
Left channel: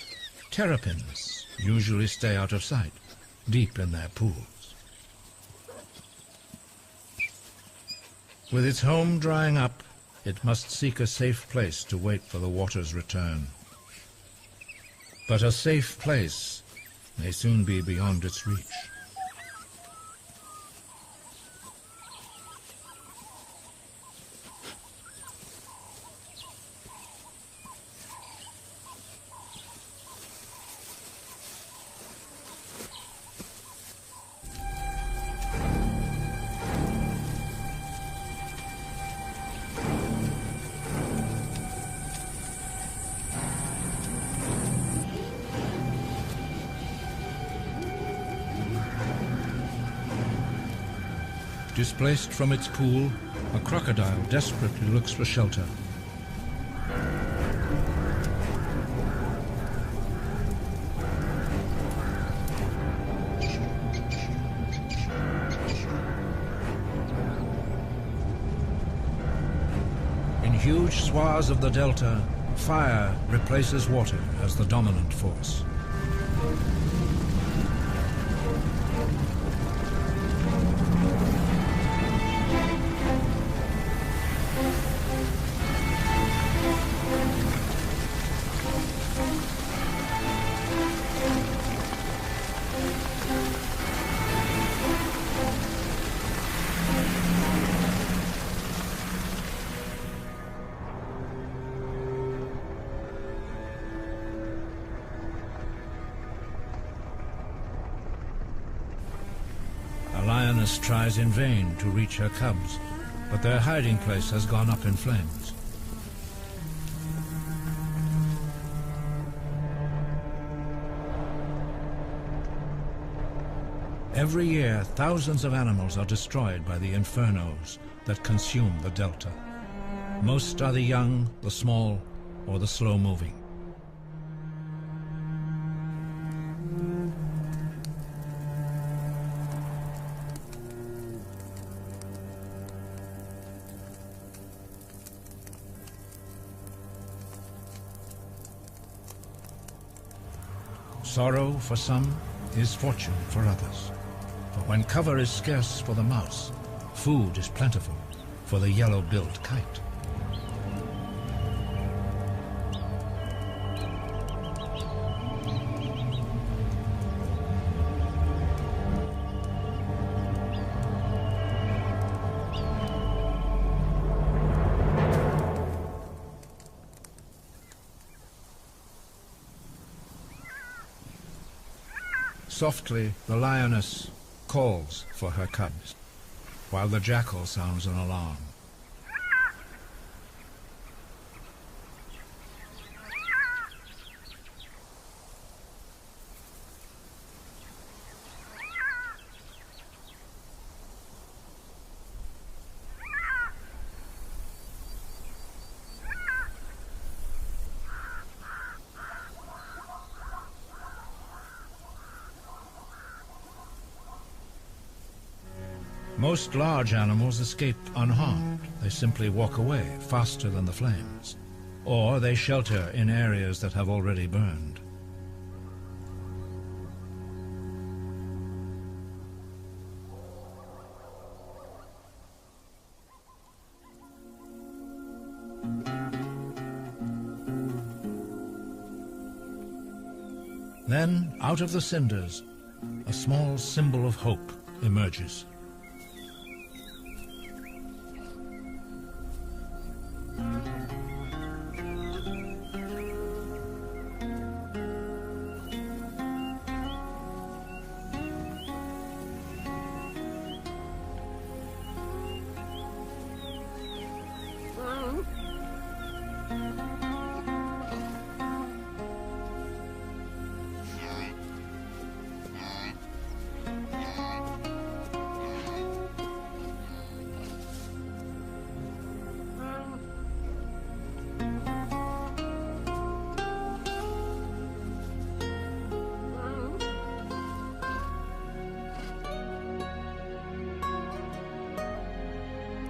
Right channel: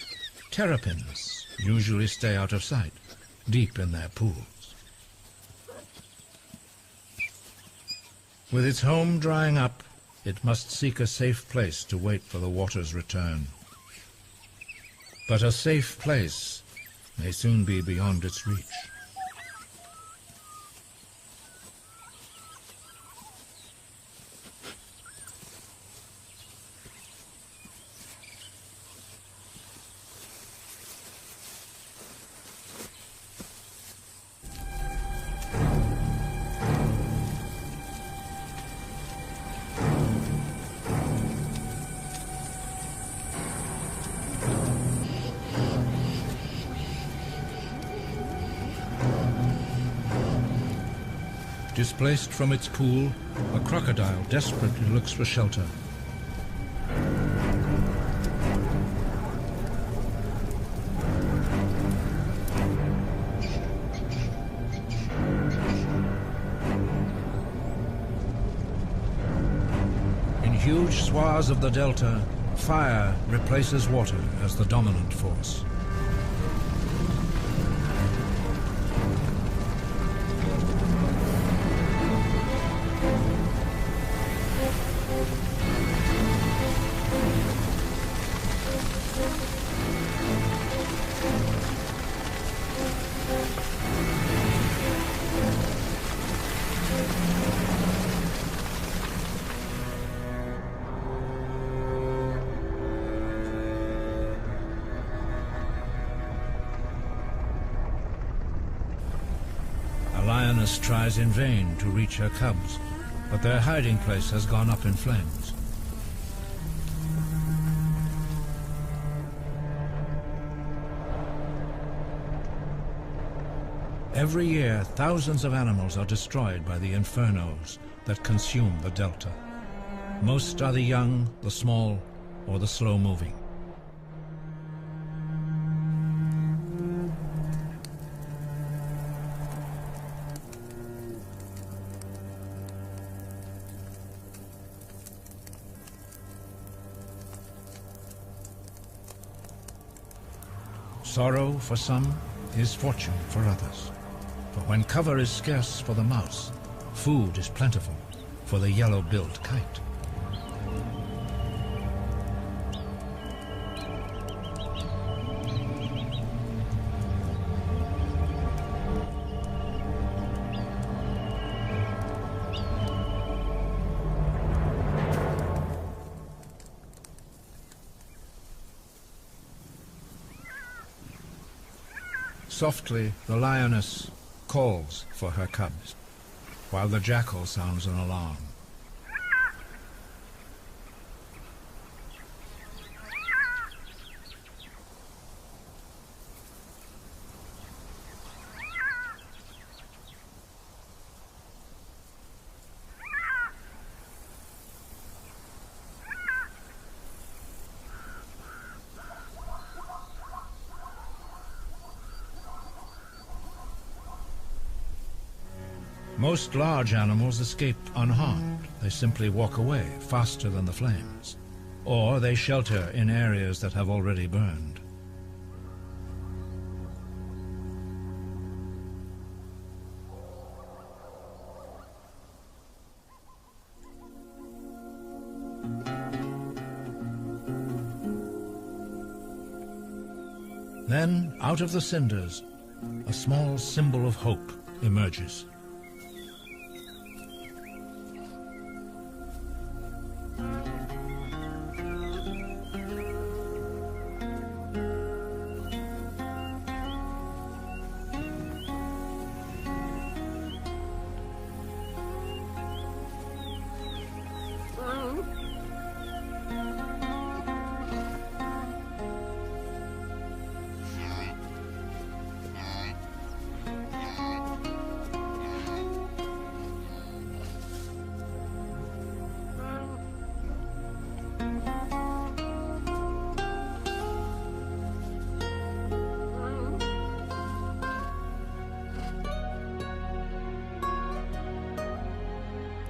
Terrapins usually stay out of sight, deep in their pools. With its home drying up, it must seek a safe place to wait for the water's return. But a safe place may soon be beyond its reach. Displaced from its pool, a crocodile desperately looks for shelter. In huge swaths of the delta, fire replaces water as the dominant force. lioness tries in vain to reach her cubs, but their hiding place has gone up in flames. Every year, thousands of animals are destroyed by the infernos that consume the delta. Most are the young, the small, or the slow-moving. Sorrow for some is fortune for others. For when cover is scarce for the mouse, food is plentiful for the yellow-billed kite. Softly, the lioness calls for her cubs, while the jackal sounds an alarm. Most large animals escape unharmed. They simply walk away faster than the flames, or they shelter in areas that have already burned. Then, out of the cinders, a small symbol of hope emerges.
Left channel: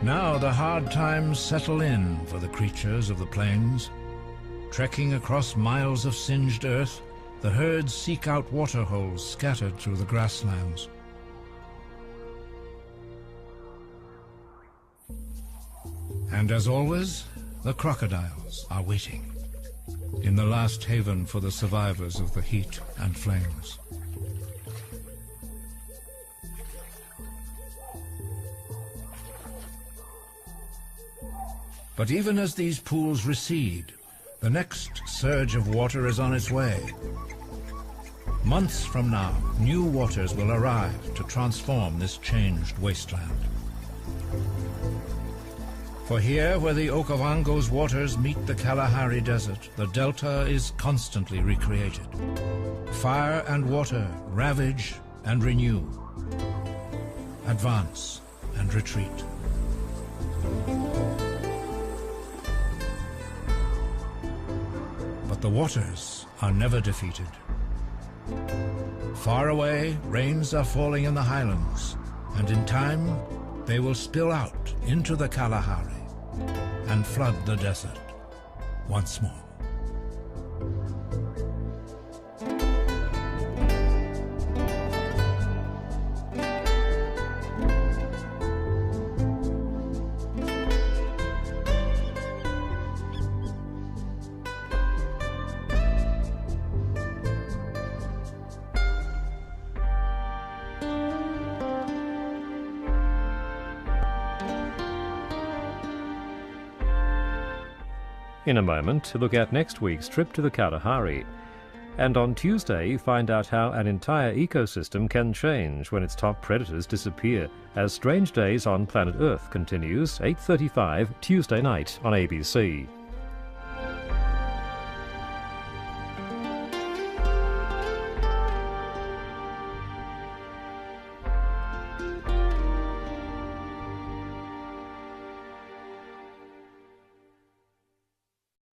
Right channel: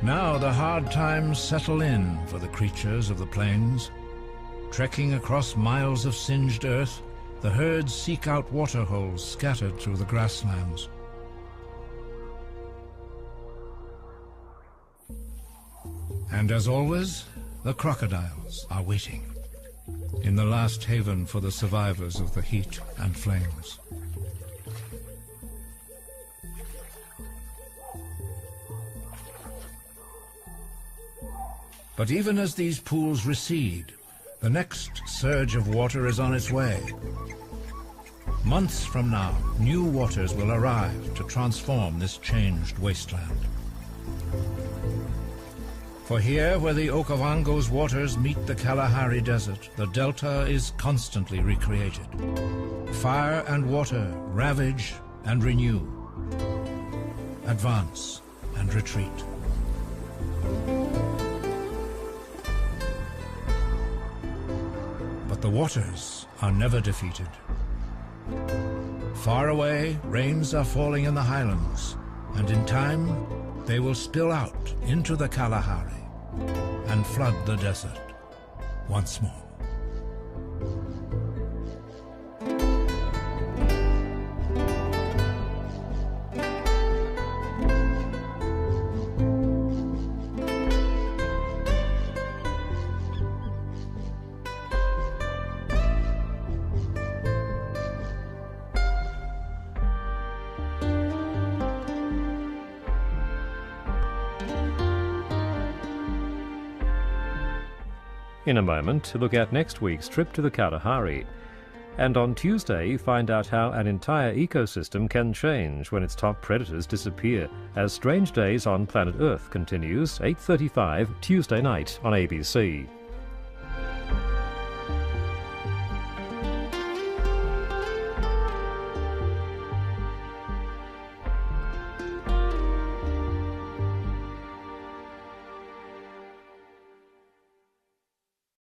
Now the hard times settle in for the creatures of the plains. Trekking across miles of singed earth, the herds seek out water holes scattered through the grasslands. And as always, the crocodiles are waiting in the last haven for the survivors of the heat and flames. But even as these pools recede, the next surge of water is on its way. Months from now, new waters will arrive to transform this changed wasteland. For here, where the Okavango's waters meet the Kalahari Desert, the delta is constantly recreated. Fire and water ravage and renew, advance and retreat. But the waters are never defeated. Far away, rains are falling in the highlands, and in time, they will spill out into the Kalahari and flood the desert once more. In a moment, to look at next week's trip to the Kalahari. And on Tuesday, find out how an entire ecosystem can change when its top predators disappear, as Strange Days on Planet Earth continues, 8:35 Tuesday night on ABC.